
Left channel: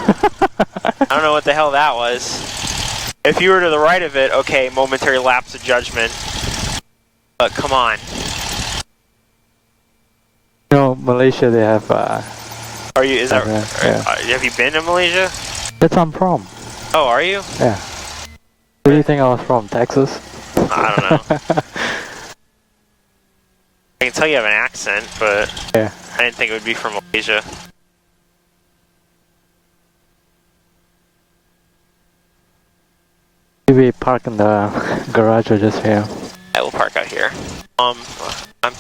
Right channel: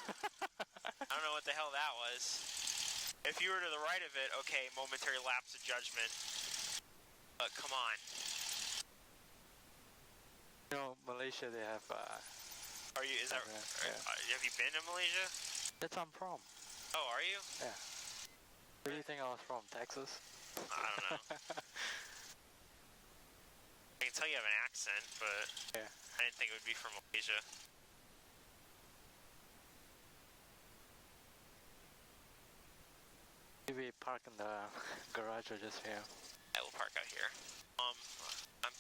I don't know what the hell that was. If you were to the right of it, okay, momentary lapse of judgment. But come on. You know, Malaysia, they have... Are you, is that, yeah. have you been to Malaysia? That's I'm from. Oh, are you? Yeah. Where do you think I was from? Texas? I don't know. I can tell you have an accent, but Yeah. I didn't think it would be from Malaysia. We park in the garage or just here? I will park out here. I'm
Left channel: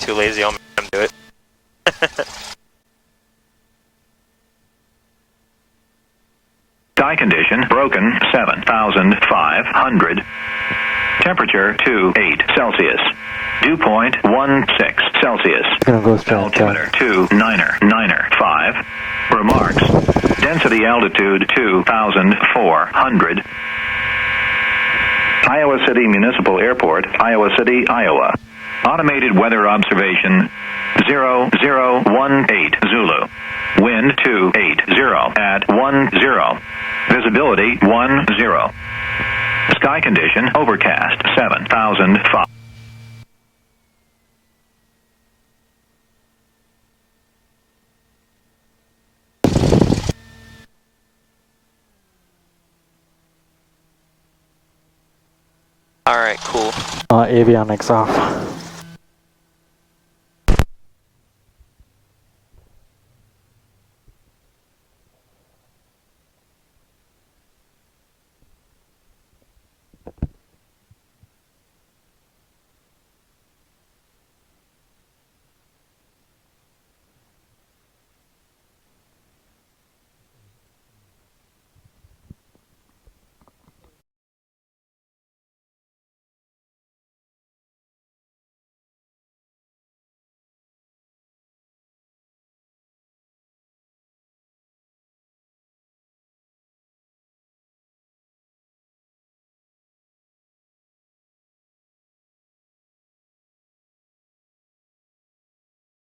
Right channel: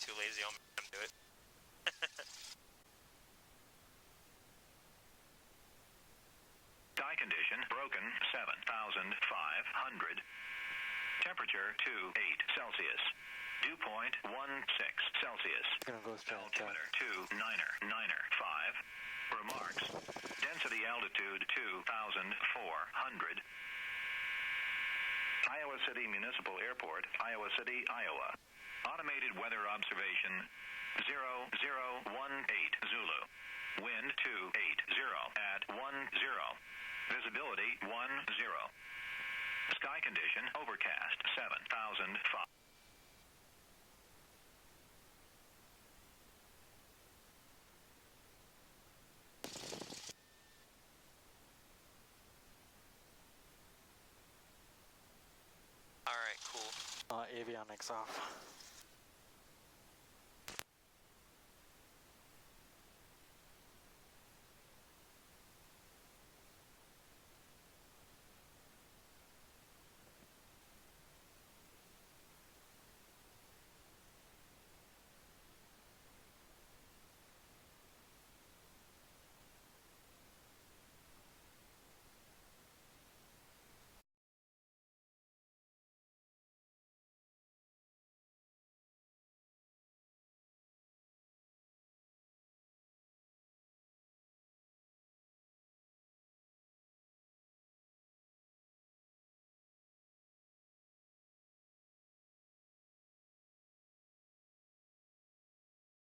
too lazy, I'll make them do it. Sky condition broken 7,500. Temperature 28 Celsius. Dew point 16 Celsius. Gonna go straight. Altimeter 29995. Remarks. Density altitude 2,400. Iowa City Municipal Airport, Iowa City, Iowa. Automated weather observation 0018 Zulu. Wind 280 at 10. Visibility 10. Sky condition overcast 7,005. Alright, cool. Avionics off.